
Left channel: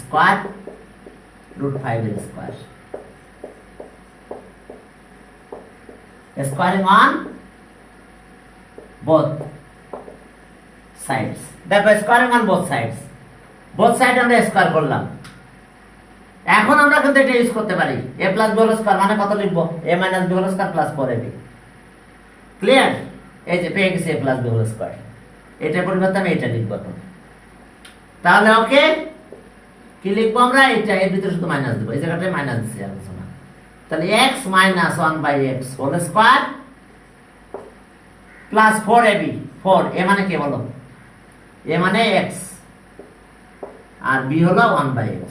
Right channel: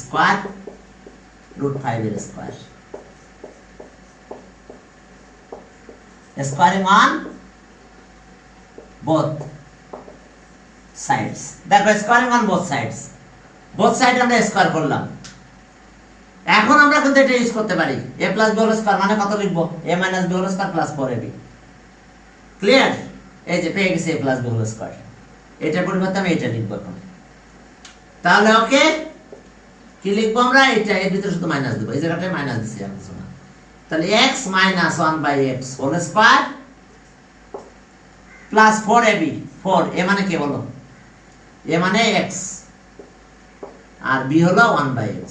square root 5 এর square, squaring on both sides। দেখো squaring on both sides, both side আমরা স্কয়ার করলাম। এখন আমরা কিন্তু এটা ইউজ করতে পারি a plus b whole square মানে কত লিখবো a minus b whole square plus 4ab। Clear? এই যে পেয়ে গেছি a plus b whole square, এটার পরিবর্তে আমি এটা লিখবো এখন। তাহলে ওকে কি লিখবো আমরা, এটা এর ভিতরে শুধু মাইনাস দেব, এই জায়গাটায় মাইনাস দিছি আর কিছু না। তাহলে x minus 1 by x whole square plus 4ab। 4 a মানে কি বলো, a মানে x আর b হলো 1 by x,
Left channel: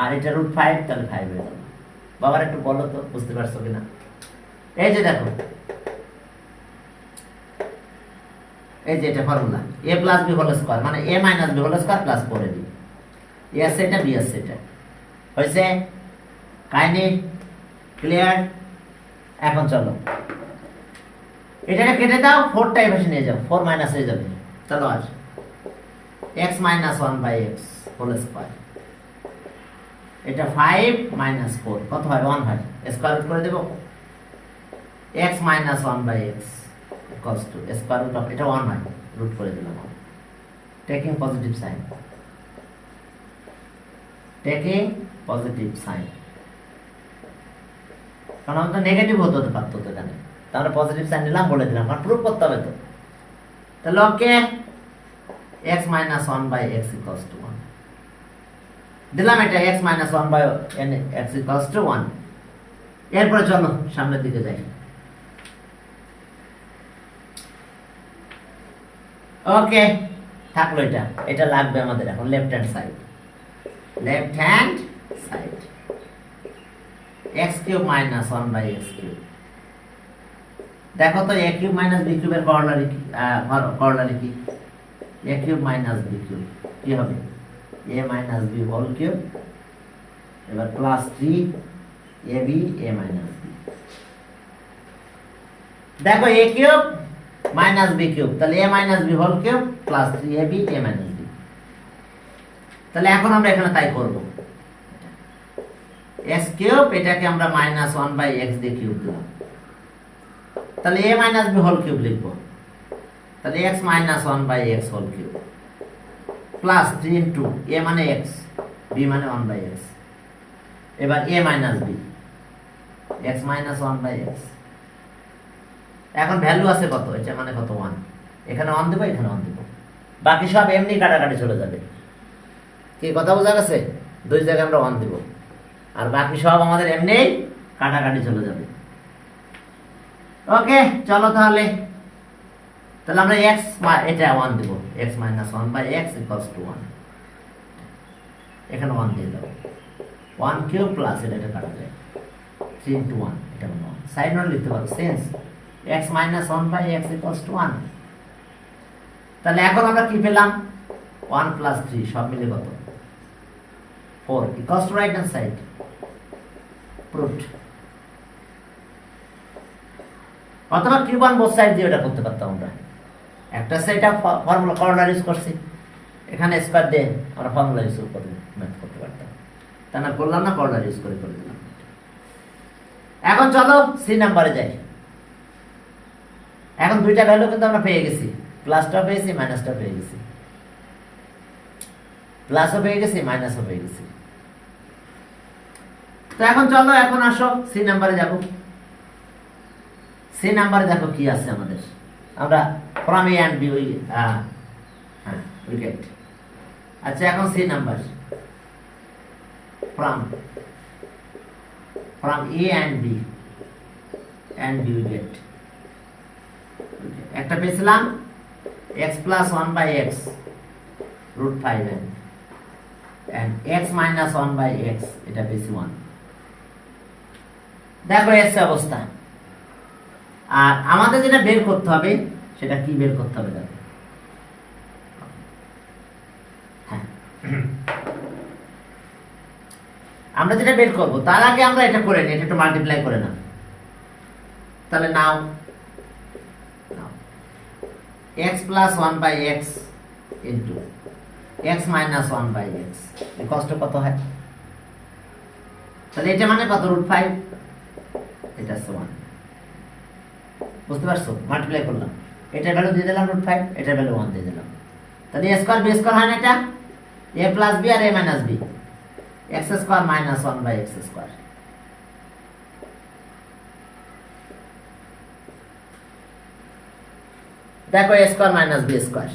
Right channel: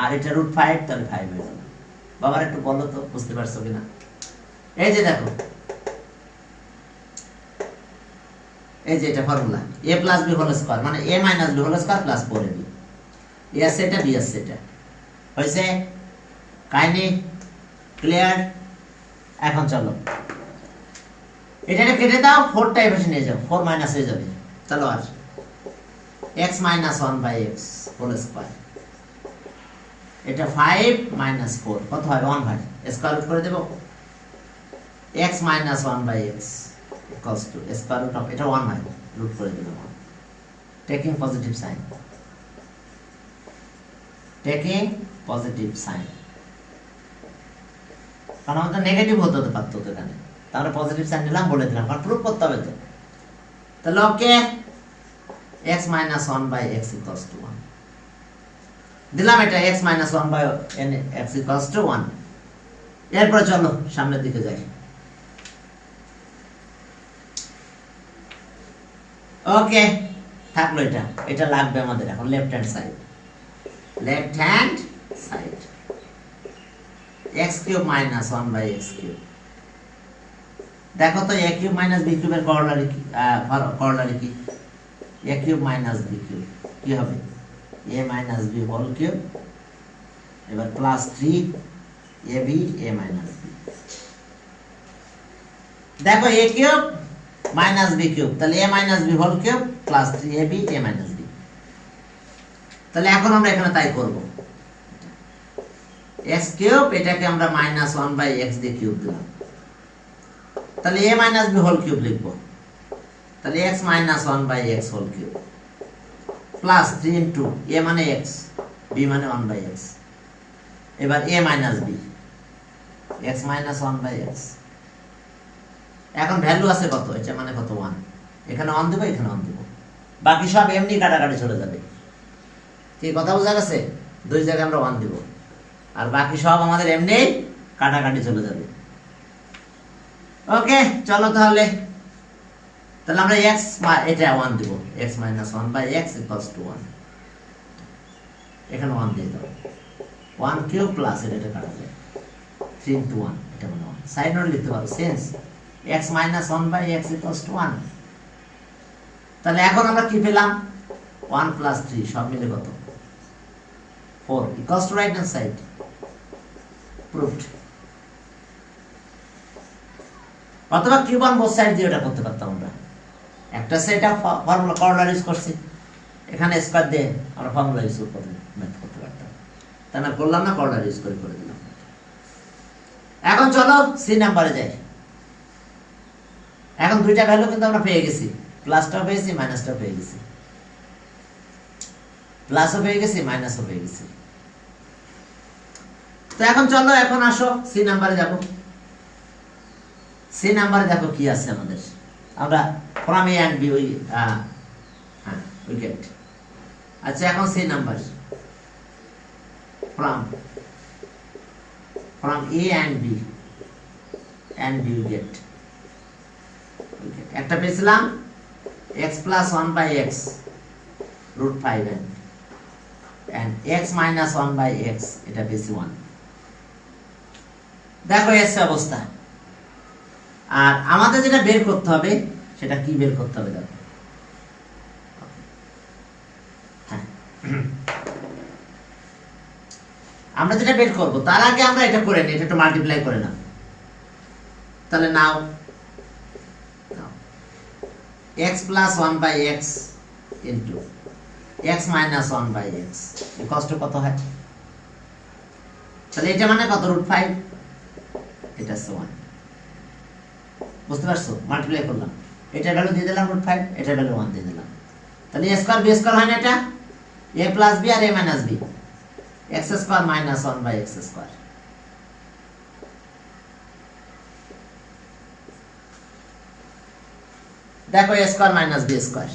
আর এটা রুট 5, তাহলে 5 হয়ে গেল। বাবার একটু বলো তো বুঝতে পারছো কিনা। এই যে দেখো এই যে এটা formula a plus b whole square মানে a minus b whole square plus 4ab। a আছে এটা, b আছে এটা, হইছে? Kindly clear? এখন চলো এটাকে কেটে দাও, 4 টা এভাবে নিয়ে যাও, 4 মাইনাস হয়ে যাবে। চলো আর x minus 1 by x whole square, এটা 5 minus 4 কত হয় 1 হয়, স্কয়ার রুট করে দেব। x minus 1 by x equals to square root of এটা 1 হয়, রুট করে দিলাম। Taking positive sign, taking positive sign, কারণ আমাদের নেগেটিভ হতে পারতো তো এখানে, তাহলে পজিটিভ সাইন নিলাম, বলে দিলাম, কারণ প্রুফ করতে হবে তো। তাহলে ওকে x minus 1 by x equals to 1 দিলাম, এটা x minus 1 by x equals to 1। এরপর চলো সামনের দিকে যাই। ওকে থাকলো এটা, এটা লাগবে আমাদের এখন left hand side, left hand side x cube minus 1 by x cube. দেখো তো a কিউব মাইনাস b কিউবের করলারি কি, a cube minus b cube কি হবে a minus b whole cube, এবার plus 3ab a minus b। দেখো a cube minus b cube, তাহলে a minus b whole cube plus 3ab a minus b। তাহলে এখন আমরা এখানে তাই করব, x কিউব এটাকে আমরা মাইনাস 1 বাই x দিয়ে কিউব দিলাম, তাহলে a minus b whole cube লিখবো। তাহলে x minus 1 by x whole cube plus 3 into a মানে x, b মানে 1 বাই x, এবার a minus b, x minus 1 by x। এখন ভ্যালু আছে কত, এটা মানে কত 1, এখানে 1 দেব, এখানে 1 দেব, বাকি সব এমনি কাটাকাটি চলে যাবে। কি কথা বোঝা গেছে? দুই জায়গায় আমরা 1 দেব, আর বাকি সব আমাদের এমনি কাটাকাটি চলে যাবে। ওকে চলো তাহলে আমরা x এটা 1 দেব, x minus 1 by x equals to 1, এখানে 1 দিয়ে দাও, 1 কিউব প্লাস এটা কাটা যায় 3 into 1, এটা মানে 1 সাইন নোট লিখতে পারো since x minus 1 by x equals to 1। তাহলে এখন আমরা কি পেলাম 1 plus 3 সব মিলে কত 4 equals to right hand side, proved। অথবা কিউব অন বোথ সাইড দিয়ে এটা করতে পারতাম আমরা, একটা সাইডটা ফর্মুলা করলার ইউজ করছি, এখানে স্কয়ার দিয়ে আমরা ফর্মুলা ইউজ করতে পারতাম, তাই আমরা করলাম না, করলার ইউজ করে দিলাম। এখন চলো সি নাম্বারে যাই। এখন দুইটা ভ্যালু কিন্তু আমরা পেয়ে গেছি, প্লাসটাও পেয়েছি মাইনাসটাও পেয়ে গেছি, প্লাসও পেয়ে গেছি মাইনাসও পেয়ে গেছি। তো এখন চলো এখন আসো সি নাম্বারে যাব। সি নাম্বারে দেখো কি আছে আমাদের, আমরা from a and b wicket. আচ্ছা এখন C number from a and b wicket. একটা পেয়েছিলাম x plus 1 by x root 5n, and x minus 1 by x, এটা বেশি 1। দেখো এসে অবস্থা। আর আমাদের যেটা বের করতে হবে সেটা কি বের করতে হবে দেখো। হ্যাঁ, আমরা যেটা বের করব তার আগে আমরা এটা করে নিই, এটা একটু মাল্টিপ্লাই করে নাও। তাহলে নাও x plus 1 by x into x minus 1 by x এই কষ্ট কত হয়? তাহলে এটা মানে কত? √5, এটা 1। বুঝতে পারছো? মাল্টিপ্লাই করলাম, এটা ভ্যালু দিয়ে দিলাম √5, এটা ভ্যালু 1 দিয়ে দিলাম। তাহলে a স্কয়ার b স্কয়ার হয় না এটা? a plus b আর a minus b, x square minus 1 by x square. দেখো a square minus b square.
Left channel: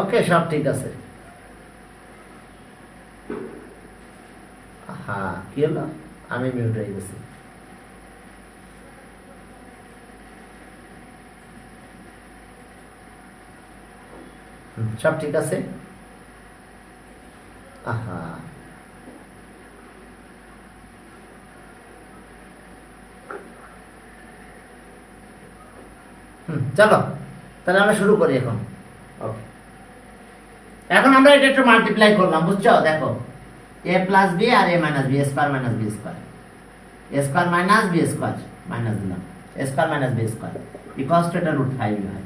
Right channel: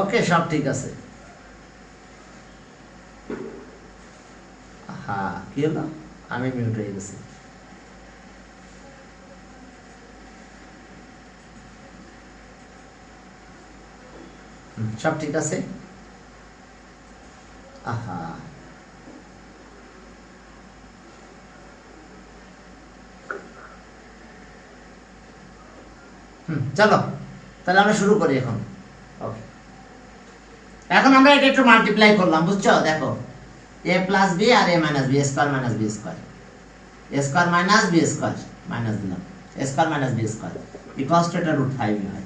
Okay, সব ঠিক আছে। হ্যাঁ, কি হলো? আমি মিউট হয়ে গেছি। সব ঠিক আছে। আহা, চলো তাহলে আমরা শুরু করি এখন। ওকে, এখন আমরা এটা একটু মাল্টিপ্লাই করলাম, বুঝছো? দেখো a প্লাস b আর a minus b, square minus b square, a square minus b square minus দিলাম, a square minus b square equals to এটা √5 হয়।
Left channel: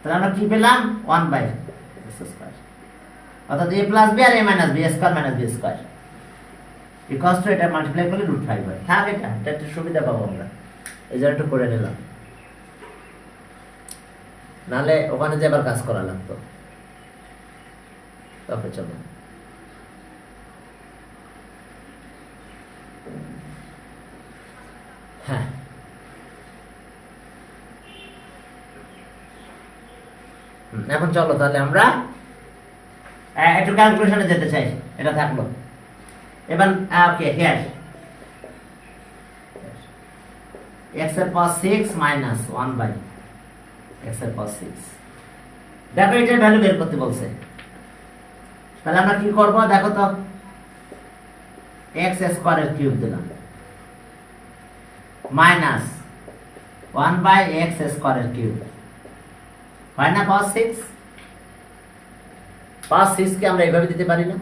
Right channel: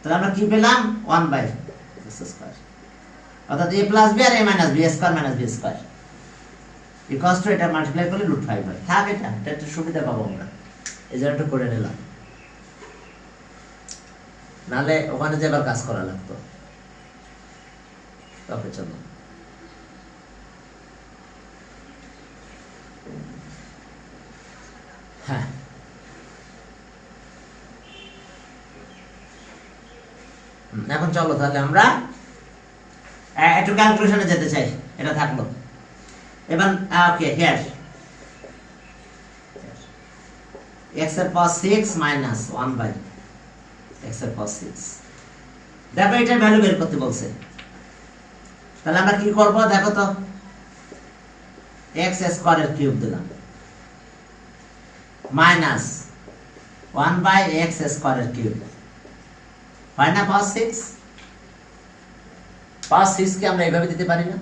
তাহলে আমরা কি পেলাম? 1 বাই x স্কয়ার, অর্থাৎ a প্লাস b আর a minus b, square minus b square equals to এটা মাল্টিপ্লাই করলে √5 হয়। থাক, এটা একটু সুবিধা পাবো আমরা, এই জন্য একটু করে নিলাম, নাহলে ওখানে যে আবার কাজ করা লাগতো। ওকে, চলো। হ্যাঁ, এখন চলো তাহলে আমরা একটু ক্যালকুলেশনে যেতে চাই। এটা থাকলো। এবার ওকে, হিয়ার x এর পাওয়ার 6 মাইনাস 1 বাই x এর পাওয়ার 6। দেখো এটা ভ্যালু বের করতে বলছে। তাহলে আমরা কি করব দেখো তো, x স্কয়ারের কিউব দিলাম মাইনাস 1 বাই x স্কয়ারের কিউব, হয় না পাওয়ার 6? পাওয়ার 6 কে আমরা এইভাবে দিতে পারি না?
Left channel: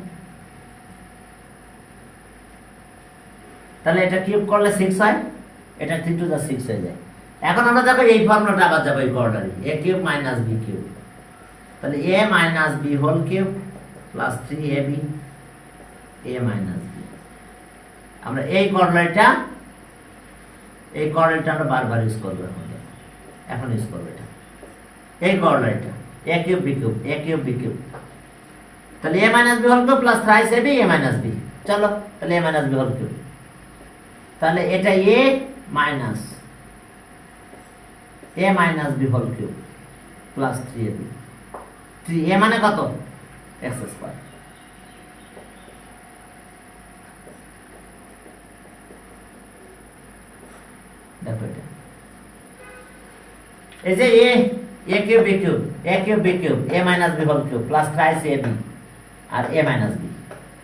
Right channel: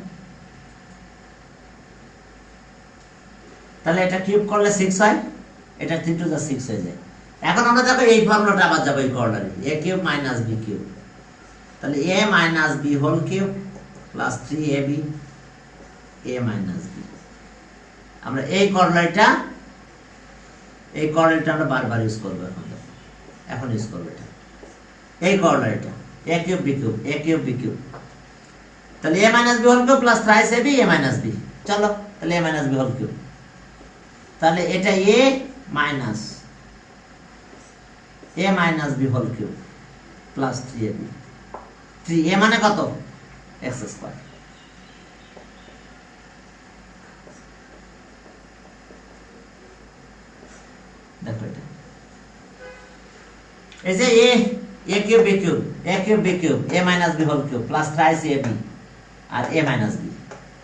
তাহলে এটা কিউব করলে 6 হয়, এটা 3 টু দা 6 হয়ে যায়। এখন আমরা দেখো এই ফর্মুলাটা আবার যাব, এই কোঅর্ডিনেটে a cube minus b cube. তাহলে a minus b whole cube plus 3ab a minus b। আমরা এই কোঅর্ডিনেটটা আমরা বারবার ইউজ করব। এখন ইউজ করব এটা, এই কোঅর্ডিনেটটা a cube b cube, a cube b cube. তাহলে a minus b whole cube plus thrice ab a minus b। চলো তাহলে a minus b whole cube, তাহলে এটা a minus b whole cube plus 3ab। 3a মানে কত? x square. দেখো এটা এই যে a cube b cube, a cube b cube a minus b whole cube plus thrice ab আর a minus b।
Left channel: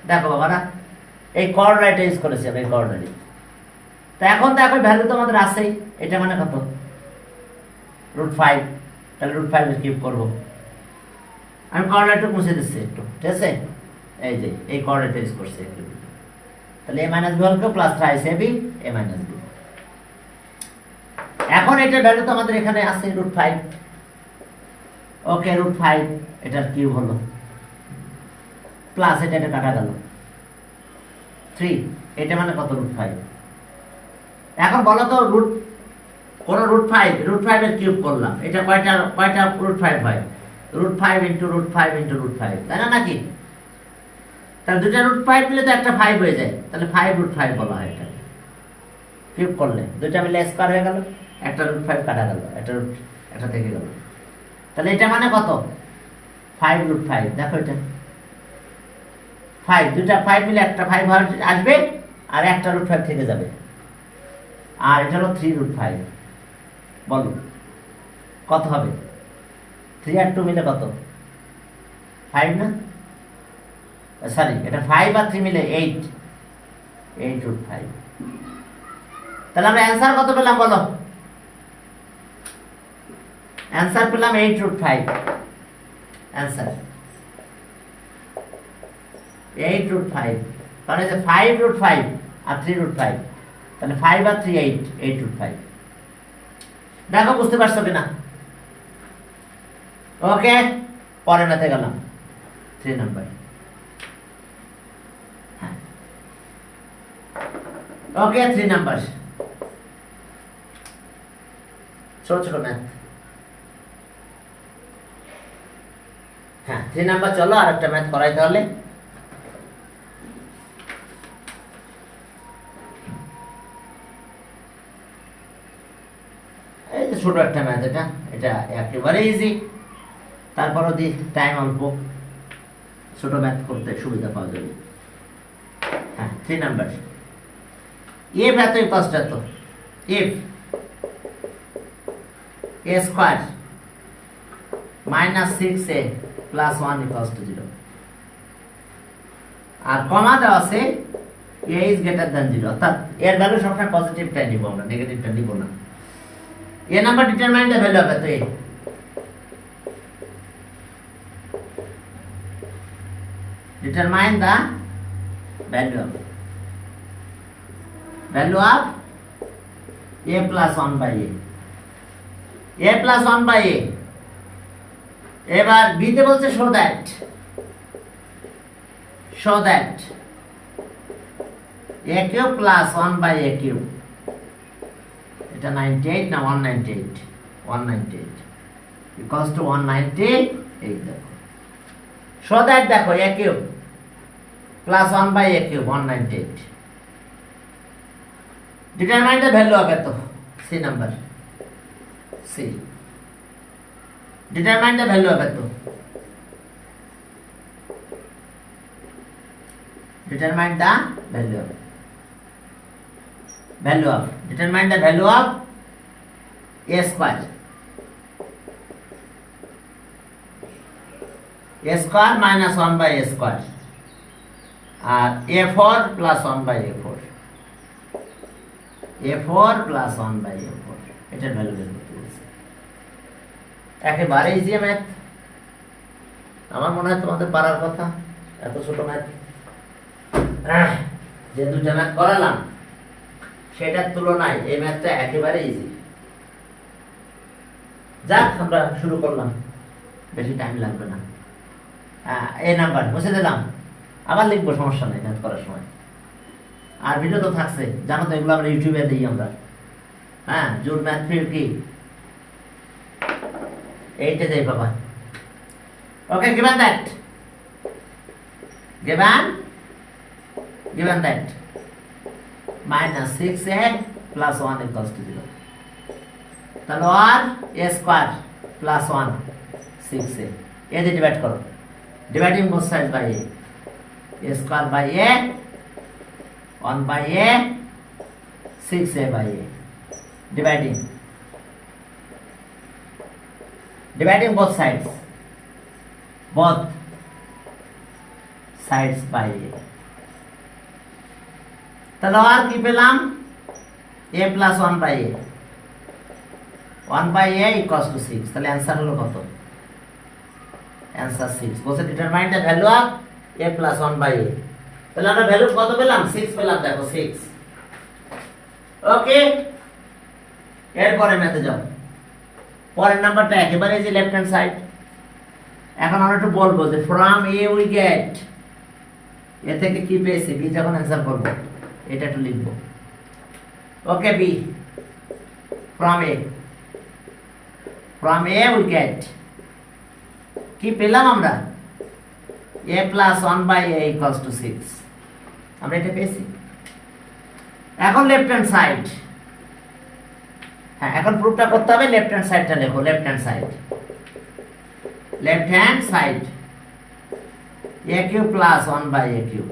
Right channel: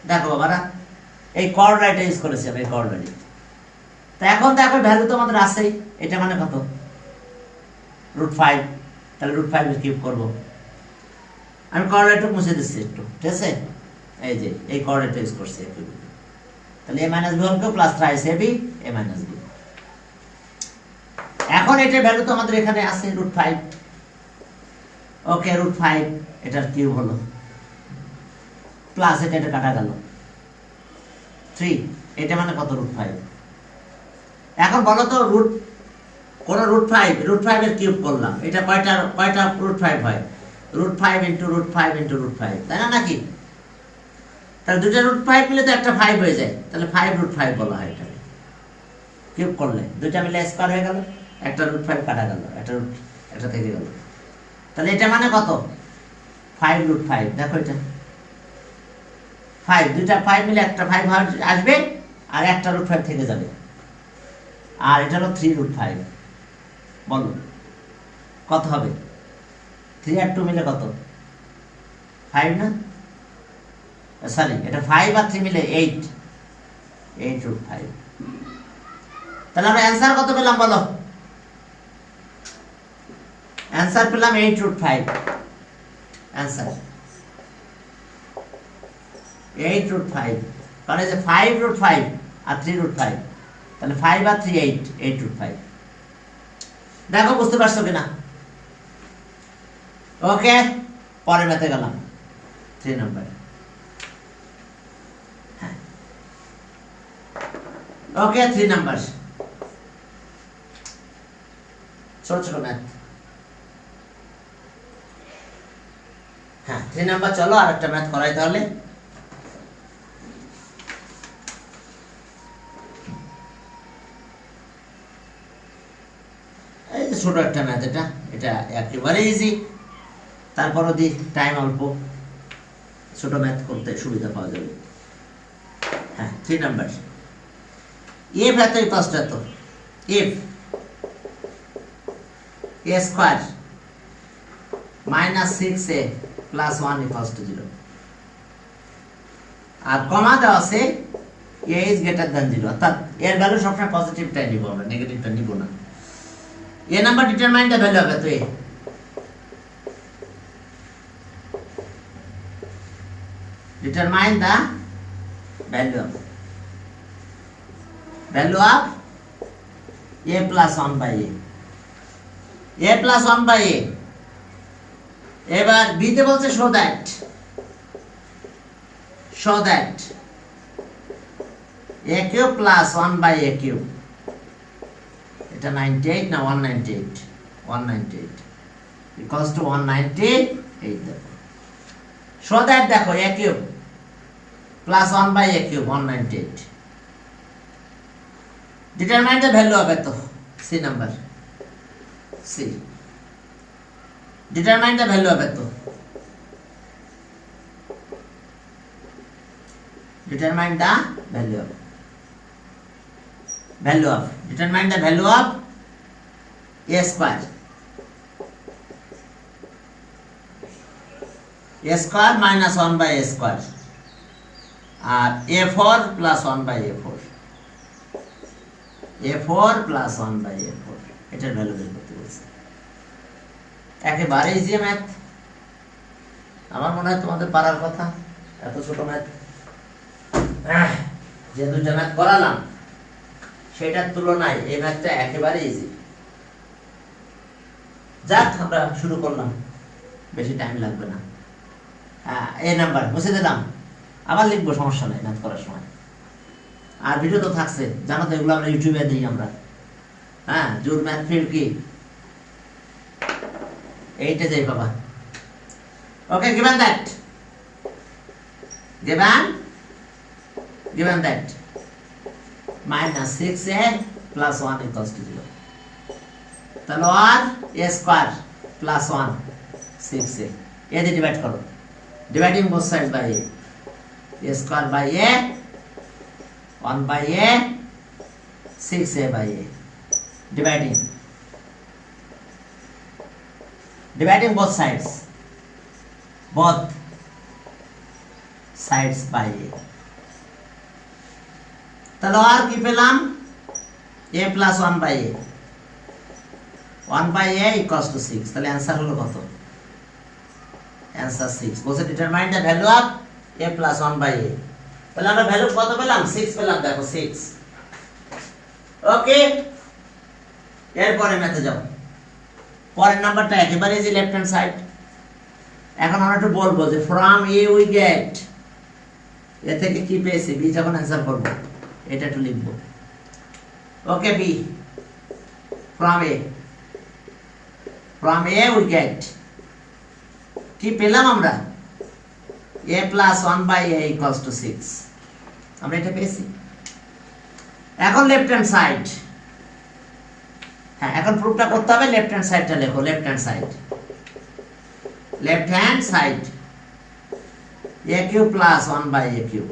দেখো বাবারা, এই কোঅর্ডিনেটে ইউজ করেছি আমি, এই কোঅর্ডিনেটে। তো এখন দেখো ভ্যালু তো আমাদের আছেই, এটা মানে কত? √5। তাহলে √5 এর কিউব করব, আমি কোঅর্ডিনেটটা মুছে দিচ্ছি একটু, ঠিক আছে? এই যে এই কোঅর্ডিনেট ইউজ করছি একটু, তাহলে a মাইনাস বি হলকে plus thrice ab a minus B. এখন এটার ভ্যালু তো আমাদের এখানে আছে √5। ওকে, √5 এটার কিউব হলো, প্লাস এটা কাটা গেল 3, এটা মানে কত? √5। এখন বলো তো কোন √5 এর কিউব করলাম, এটা কয়টা √5 হয়? √5 ইন্টু √5 ইন্টু √5, তাই না নাকি? তাহলে দুটো √5 মিলে তো একটা 5 হয়ে যায়, তাহলে 5√5 বলা হয় এটাকে। কিউব করলে দুটা মিলে স্কয়ার হয়ে গেল, একটা √5 কাটা গেল, একটা থেকে গেল, তাহলে এটা মানে কত? 5√5। দেখো এটা 5, দুটা 5 মিলে একটা 5 আসবে, আর একটা √5 থেকে যাবে, আর এটা হলো 3√5। বলো কত হবে? 3 আর 2 মিলে কত? 5 না? সরি, এটা 5 আর 3 মিলে 8√5। তাহলে আমরা অ্যান্সার কত পেলাম বলো? অ্যান্সার পেলাম 8√5। অ্যান্সার 8√5, কারণ এই যে 5√5 আর 3√5, তাহলে 5 আর 3 8√5। দেখো বুঝতে পারছো কিনা? ওকে, পরে ম্যাথে গেলাম 3 নম্বর। ওকে, 3 নাম্বার, ছোট ছোট ম্যাথ। হ্যাঁ, 3 নাম্বার। চলো আর একটা ম্যাথ করাই তাহলে। এই যে ছোট একটা ম্যাথ, এটা একেবারে ইজি, তারপরও দি টাইম অল্প, ছোট ম্যাথ করতে সুবিধা পাওয়া যাবে। হ্যাঁ, 3 নাম্বার। if এত ইকুয়ালস টু এত, if a square minus 6a plus 1 equals to 0, আর কমা দেওয়া আছে a ইজ গ্রেটার দ্যান 0, অর্থাৎ এর ভ্যালু সবসময় পজিটিভটাই নিব, আমরা নেগেটিভটা নিব না। a number determine the value হবে, তো a determine the value of a plus 1 by a plus 1 by a। এবার b তে বলছে show that a cube plus 1 by a cube, এটা 98 না 198 equals to 198। দেখো show that, দেখো a cube plus 1 by a cube 198। determine the value of এত, c number, c determine the value of এত, determine the value of determine the value of a square minus 1 by a square, আর a4 plus 1 by a4 plus 1 by a4, এটার value বের করতে বলছে। একেবারে easy math, আমার মনে হয় তোমাদের পারার কথা। এত ছোট ম্যাথ যে দুটো ম্যাথ করালাম সেটার তুলনায় এই ম্যাথটা একেবারে ইজি। যাক, আমরা শুরু করলাম, বেশি টাইম লাগবে না। এই নাম্বার মুছে দিলাম, আবার লিখবো, সমস্যা নেই ম্যাথ করার সময়। আর ভিডিও তো থাকছে, জানো তো, এগুলো আমরা ইউটিউবে দিই আমরা। হ্যাঁ, জোর ম্যাথ ফির কি এইটা যাই বাবা। ওকে, given that minus 6a plus 1 equals to 0, তাহলে আর a square plus 1 6a, এ দিয়ে ডিভাইড করো, dividing both sides by a square by a 1 by a 6a by a, dividing both sides by a। তাহলে আর কি পেলাম? a plus 1 by a, 1 by a equals to 6। তাহলে answer হলো কত? Answer 6 বলছে determine the value of a plus 1 by a। তাহলে আমরা value কত পেলাম? 6 পেলাম, দেখো 6। ওকে, এরপরে ম্যাথে যাও। পরের নাম্বারটা একেবারে যে লেফট হ্যান্ড সাইড। এখন আমরা একটু বলবো যে ফ্রম এ উই গেট, এ থেকে কি পেয়েছি, বি যখন অ্যান্সার করব এটা একটু লিখবো। Okay, B from A we get, কি পেলাম আমরা? a plus 1 by a equals to 6, আমরা এটা পেয়েছি। এখন লেফট হ্যান্ড সাইড, হ্যাঁ এখন প্রুফটা করতে হবে। লেফট হ্যান্ড সাইডটা লেখো, left hand side a cube plus 1 by a cube.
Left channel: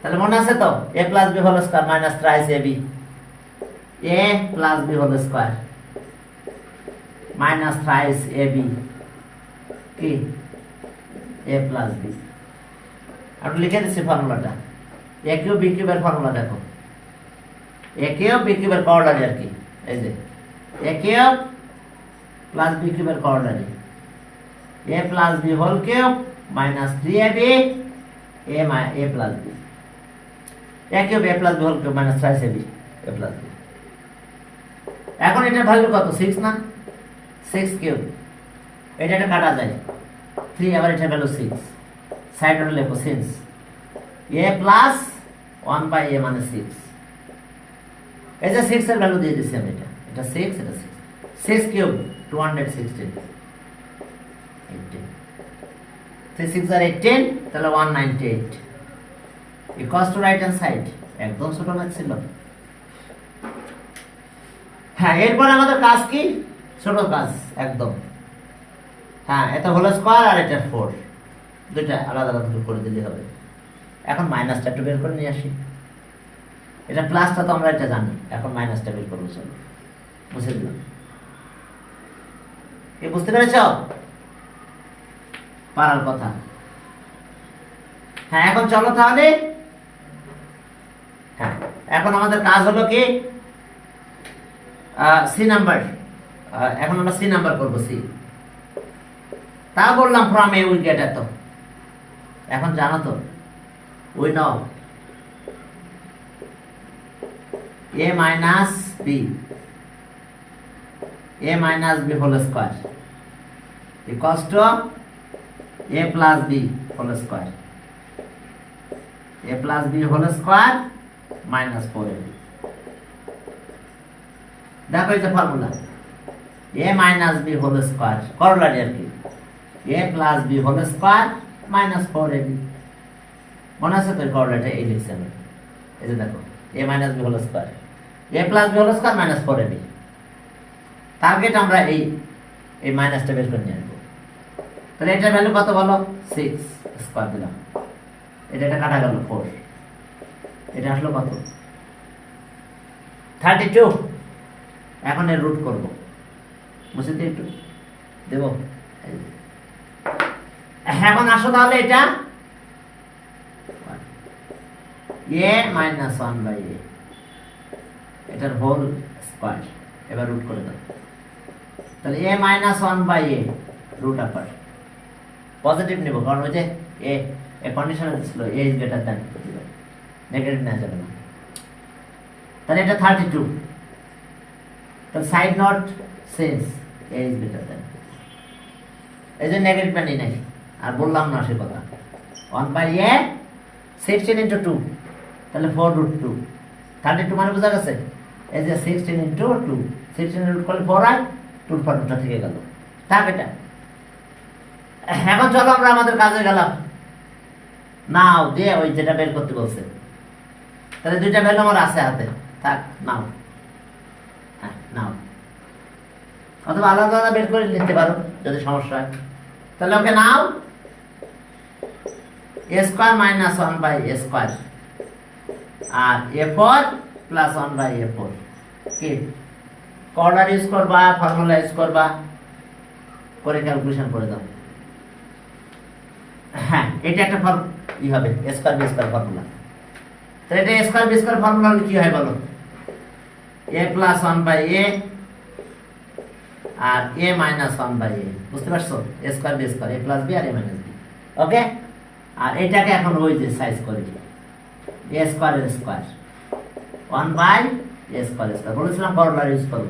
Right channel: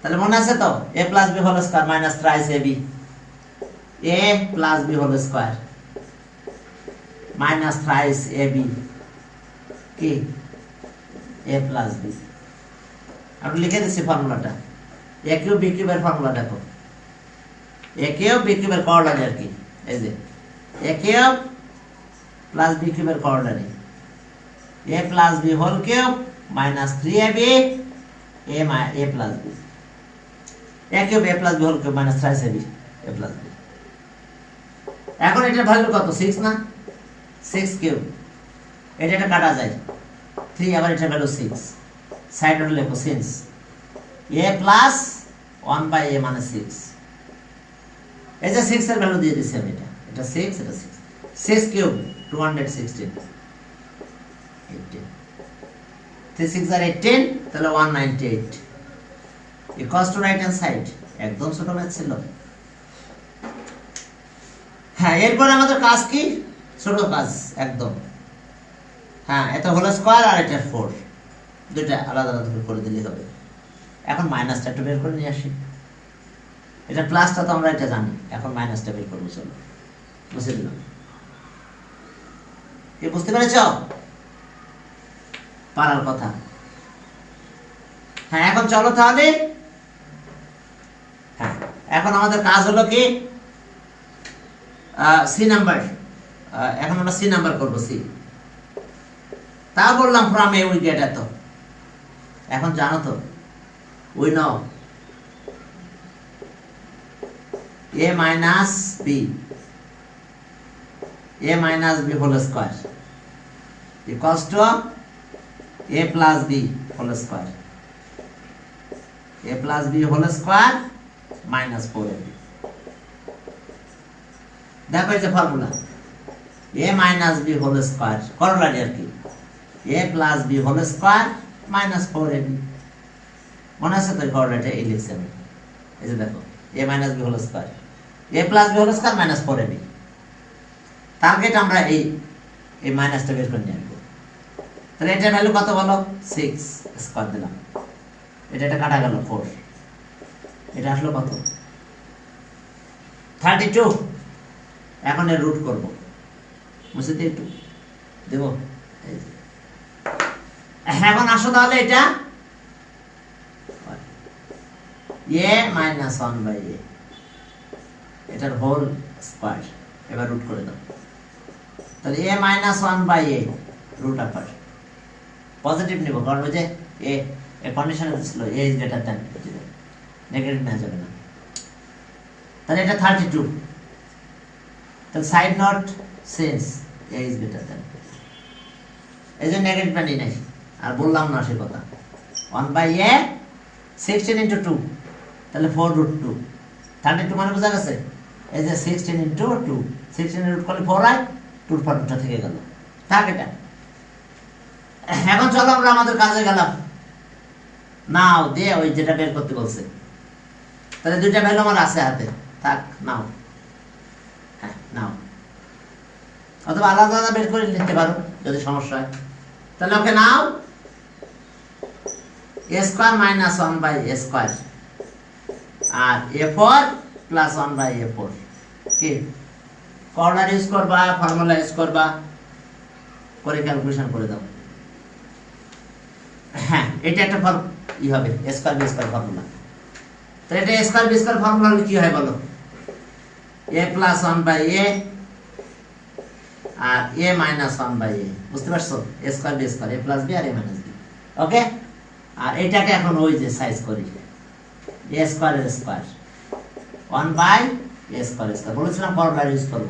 তাহলে মনে আছে তো, a plus b whole square minus thrice ab, a plus b whole square minus thrice ab কি a প্লাস b। আমি লিখে দিচ্ছি ফর্মুলাটা। a কিউব b কিউবের ফর্মুলা দেখো, a কিউব b কিউবের করলারি আর কি, এই যে a কিউব প্লাস b কিউবের corollary, a plus b whole cube minus 3ab a plus b, a cube a plus b whole cube minus thrice ab a plus b। এখন এটার value কত? 6 না? 6 cube, এটা কাটা যায় 3, আবার এটার ভ্যালু 6, সাইড নোট লেখো since a plus 1 by a মানে 6। এই যে 6 এর ভ্যালু দিয়ে দিছি আমি, এটা 6, এটা 6, 6 কিউব 216, 18, 3 6 আর 18, তাহলে 198 equals to right hand side. একদম ছোট ম্যাথ ছিল। হ্যাঁ, এরপর আমাদের কাজ কি? ছোট কাজ একদম। হ্যাঁ, এটা হোল স্কয়ার আর এটা 4, দুইটা আলাদা আলাদা করে দিলেই হবে। এখন মাইনাসটা একটু বের করে নিয়ে আসি। এটা প্লাসটা তো আমরা এটা জানি, এখন মাইনাসটা বের করবো। চলো বুঝে দিলাম, কি বুঝতে পেরেছ? পারার কথা। হ্যাঁ, এখন চলো তাহলে। হ্যাঁ, এখন আমাদের কাজ হলো কি, সি নাম্বার। এখন আমরা সি নাম্বার করবো। সি তা বললাম ফ্রম এ উই গেট এত। এখন জানো তো, we know a minus b whole square equals to a plus b whole square, a plus b whole square minus 4ab। দেখো এই যে formula, a minus b whole square করলারি আর কি, a plus b whole square minus 4ab। মনে আছে তো করলাটা এই লিখছি আমি, এই যে দেখো a minus b whole square, a plus b whole square minus 4ab। Target আমরা এই মাইনাসটা বের করে নিয়ে আসবো। তাহলে এটার ভ্যালু কত বলো? 6 স্কয়ার দিলাম, এটা কাটা গেল 4, এটা আসলো কত? 32। এখন এর রুট করব, বুঝতে দিই একটু দেব। এখন আসো তাহলে এটা a minus 1 by a, এটার হোল স্কয়ার, এবার রুট করে দাও। তাহলে a minus 1 by a root আপার, পজিটিভ নিব কারণ ওই যে এ কন্ডিশন ছিল a is greater than, negative নেওয়া যাবে না। তাহলে এটা 32, তাহলে side note since a is greater than, এই যে নেগেটিভ পানি নাই আর বললাম না সে কথা। 1 by a 16 into 2, তাহলে 4 root 2, 32 মানে বোঝা গেছে। এই যে 16 into 2, 16 রুট করলে 4 হয়, 2 ফর্মুলাটা থেকে গেল। থাক এটা। এখন চলো আমরা আমাদের কাজে গেলাম। নাও দিয়ে ওই যেটা বের করতে বলছে, তাহলে দুইটা ভ্যালু আমার আছে হাতে, থাক নাও। হ্যাঁ নাও, অথবা আলাদা আলাদা বের করে লিখতে পারো যদি সমস্যা হয়। তাহলে ওকে নাও, a square minus 1 by a square আর a4 প্লাস 1 বাই a4। কি কর্নার ইউজ করবা, ফর্মুলা ইউজ করবা, করে ক্যালকুলেশন করে দাও। হ্যাঁ, এটা একটা হবে a square b square formula. তাহলে এটা a square b square formula হলে কি হয় বলো? a প্লাস 1 বাই a আর a মাইনাস 1/a, বুঝতে পারছো? a square b square, a plus b আর a মাইনাস b। ওকে, আর এটাকে এখন ওই যে সাইজ করি, a square a square 1/a square square. বলেছিলাম করলার ইউজ করব,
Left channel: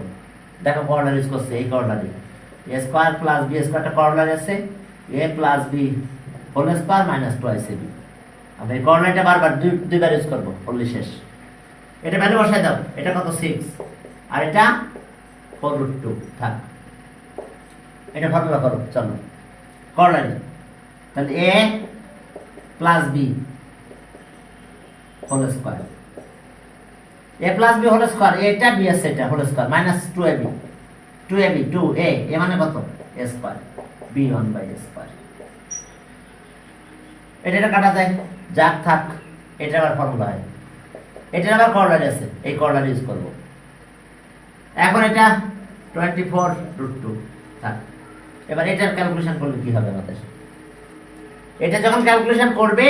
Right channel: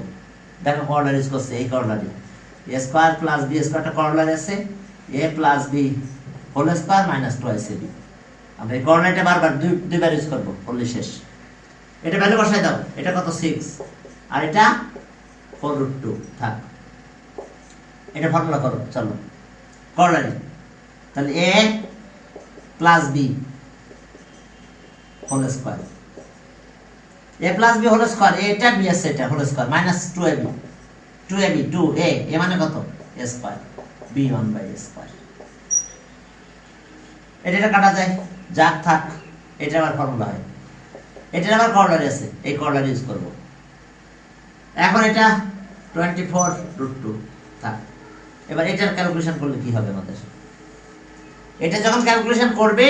দেখো করলার ইউজ করছে, এই করলারই a square plus b স্কয়ারটা corollary আছে, a plus b whole square minus 2ac। আমরা এই করলারটা বারবার দুইবার ইউজ করব, করলে শেষ। এটা ভ্যালু বসাই দাও, এটা কত 6 আর এটা 4√2 থাক। এটা ফর্মুলা করো, চলো করলারি। তাহলে a plus b whole square, a plus b whole square, এটা b আছে, এটা whole square minus 2ab 2a মানে কত a square b 1/a square. এটা কাটা যায়, যাক থাক, এটা আবার ফর্মুলা হয়। এটা আবার করলারি আছে, এই করলারি ইউজ করব। এখন এটা 24√2 থাক। এবার এটার ক্যালকুলেশন করলে কি হবে আমাদের? এটা যখন ক্যালকুলেশন করবে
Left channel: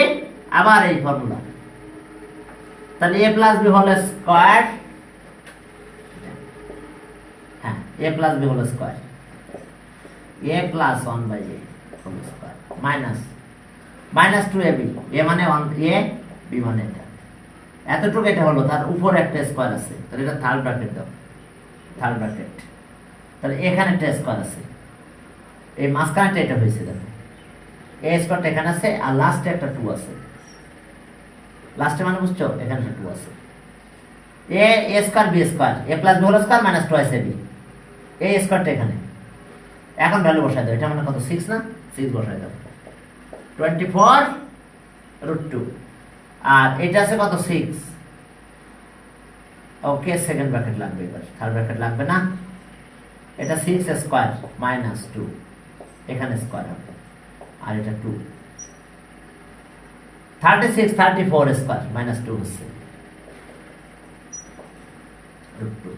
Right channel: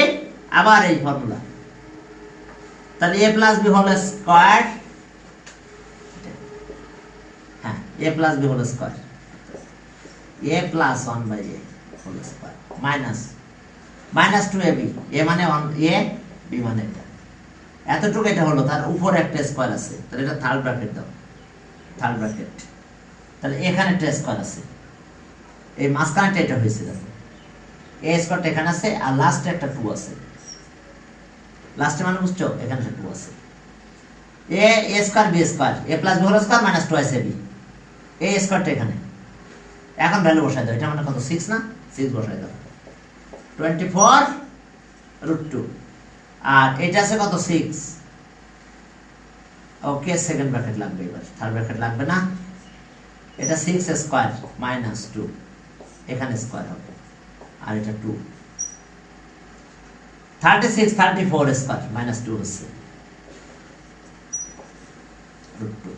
আবার এই ফর্মুলা, তাহলে a plus b whole square, হ্যাঁ a plus b whole square, a plus 1/a whole square minus 2ab, a মানে 1a, b মানে এটা, এতটুকু এটা হলো। তার উপর একটা স্কয়ার আছে, তাহলে এটা থার্ড ব্র্যাকেট দাও, থার্ড ব্র্যাকেট। তাহলে এখানে একটা স্কয়ার আছে, এই মাঝখানেটা এটা হয়েছে, দেখো a স্কয়ারটা এখানে আছে আর লাস্টে একটা 2 আছে, লাস্টে মানে বুঝছো, এখানে একটা 2 আছে। a square b square, a plus b whole square minus 2ac, a স্কয়ারটা এখানে। এখন ভ্যালু বসাই দাও, এটা মানে কত 6 না, 6 বসাই দাও, 24√2 আর এটা আছে কত 6। ওকে, সেকেন্ড ব্র্যাকেট লাগবে, এবার থার্ড ব্র্যাকেট লাগবে না। এটা 6 স্কয়ার মাইনাস 2, এখানে স্কয়ার হবে আর এটা 2, 36 34 স্কয়ার মাইনাস 2 হচ্ছে √2।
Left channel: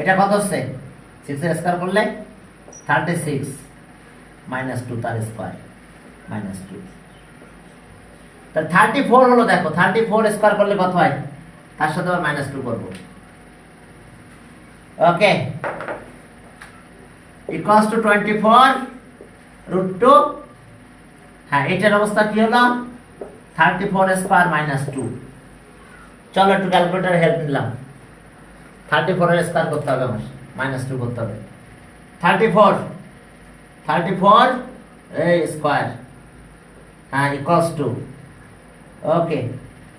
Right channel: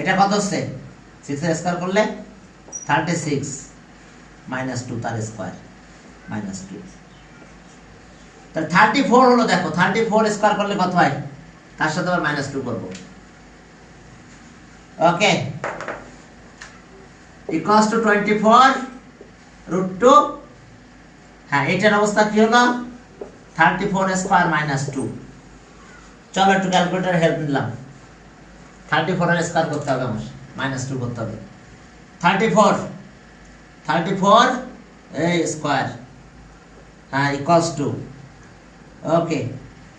এটা কত হচ্ছে 6 এর স্কয়ার করলে 36 মাইনাস 2 তার স্কয়ার মাইনাস 2, তাহলে 34 হলো। দেখো 34 স্কয়ার করলে কত হয়, তার সাথে আবার মাইনাস 2 করব। ওকে, ইকুয়ালস টু 24√2। হ্যাঁ, এটার অবস্থা কি হলো, 34 স্কয়ার মাইনাস 2। চলো একটু ক্যালকুলেটর হেল্প নিলাম, 34 এর স্কয়ার করতে হবে, আমার মাইনাস 2 করতে হবে। 34 এই স্কয়ার, হ্যাঁ ইকুয়ালস টু, ওকে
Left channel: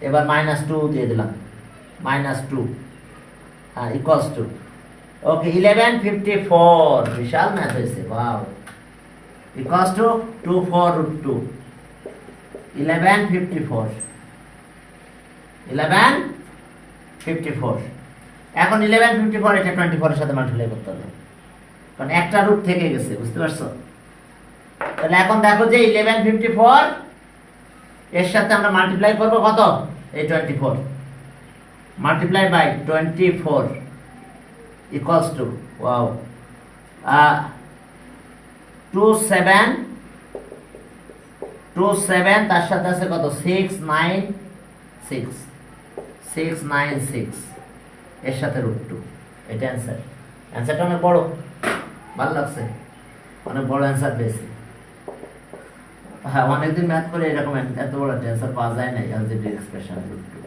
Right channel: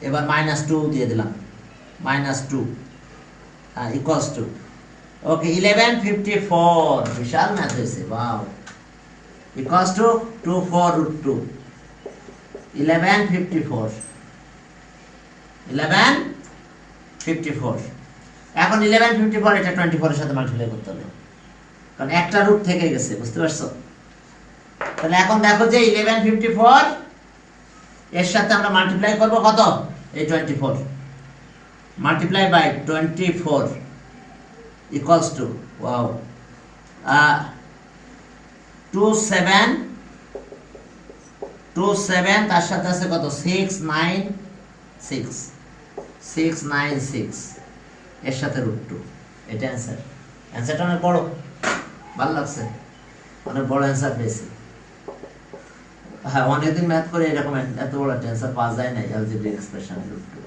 এবার মাইনাস 2 দিয়ে দিলাম, মাইনাস 2 হ্যাঁ ইকুয়ালস টু, ওকে 1154, বিশাল ম্যাথ হয়েছে, ওয়াও, ইকুয়ালস টু 24√2, 1154। এখন 1154 এটা 24 এর সাথে মাল্টিপ্লাই করতে হবে, কারণ একটা রুট থেকে গেছে, বুঝতে পারছো? তাহলে এখন দেখো যে 1154 এর সাথে আমরা মাল্টিপ্লাই করব কত, এই 24 multiply by 24 equals to, wow 27 তার সাথে আছে কত 696 এর সাথে √2, এটা অ্যান্সার। অ্যান্সারটা অনেক বড়, ভালো লাগছে, অনেক বড় অ্যান্সার পেয়েছি। হ্যাঁ, অনেকদিন ম্যাথ করে এরকম এত বড় অ্যান্সার পাওয়া যায় না, অ্যালজেব্রিক এক্সপ্রেশন √2,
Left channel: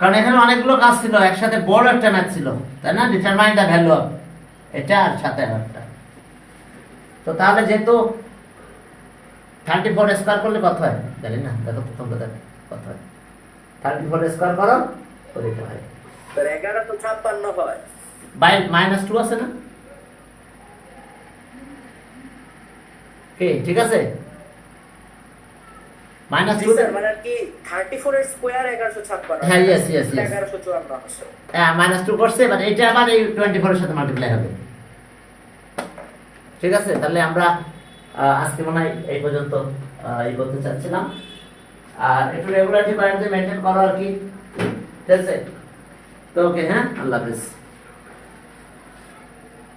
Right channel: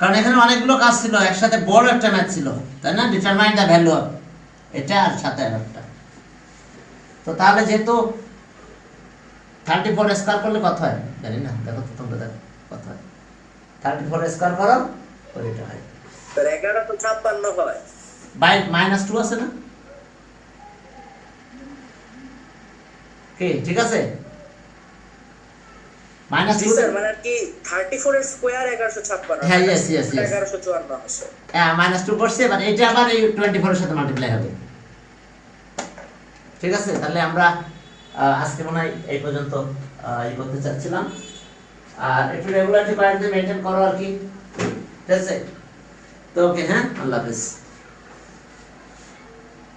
কারণ এখানে অনেকগুলো কাজ ছিল, একসাথে বড় একটা ম্যাথ ছিল, তাই না? ডিটারমাইন দ্য ভ্যালু অফ এটা আর সাথে আরেকটা। তো তাহলে যেহেতু 34 স্কয়ার করলে কত হয় জানি না, দেখো তো তোমরা, দেখো কত হয়, 34 স্কয়ার করো ওর এটা হয়, তো 11 তো 56 হয়, বাই মাইনাস 2 আছে না, ঠিক আছে, মাইনাস 2 স্যার মানে কি 34 এর স্কয়ার 1156, হ্যাঁ ইয়েস 1154 আছে, হ্যাঁ মাইনাস 2 করছে, এবার এটা আবার এই 24 এর সাথে মাল্টিপ্লাই হবে, ঠিক আছে? তাহলে আমরা আজকে মনে হয় এই পর্যন্ত এই করতে চাচ্ছিলাম, আর একটু রেগুলারিটি প্যাটার্ন মেইনটেইন করো আর কি, ঠিক আছে? তো ওকে, হ্যাঁ, আল্লাহ হাফেজ।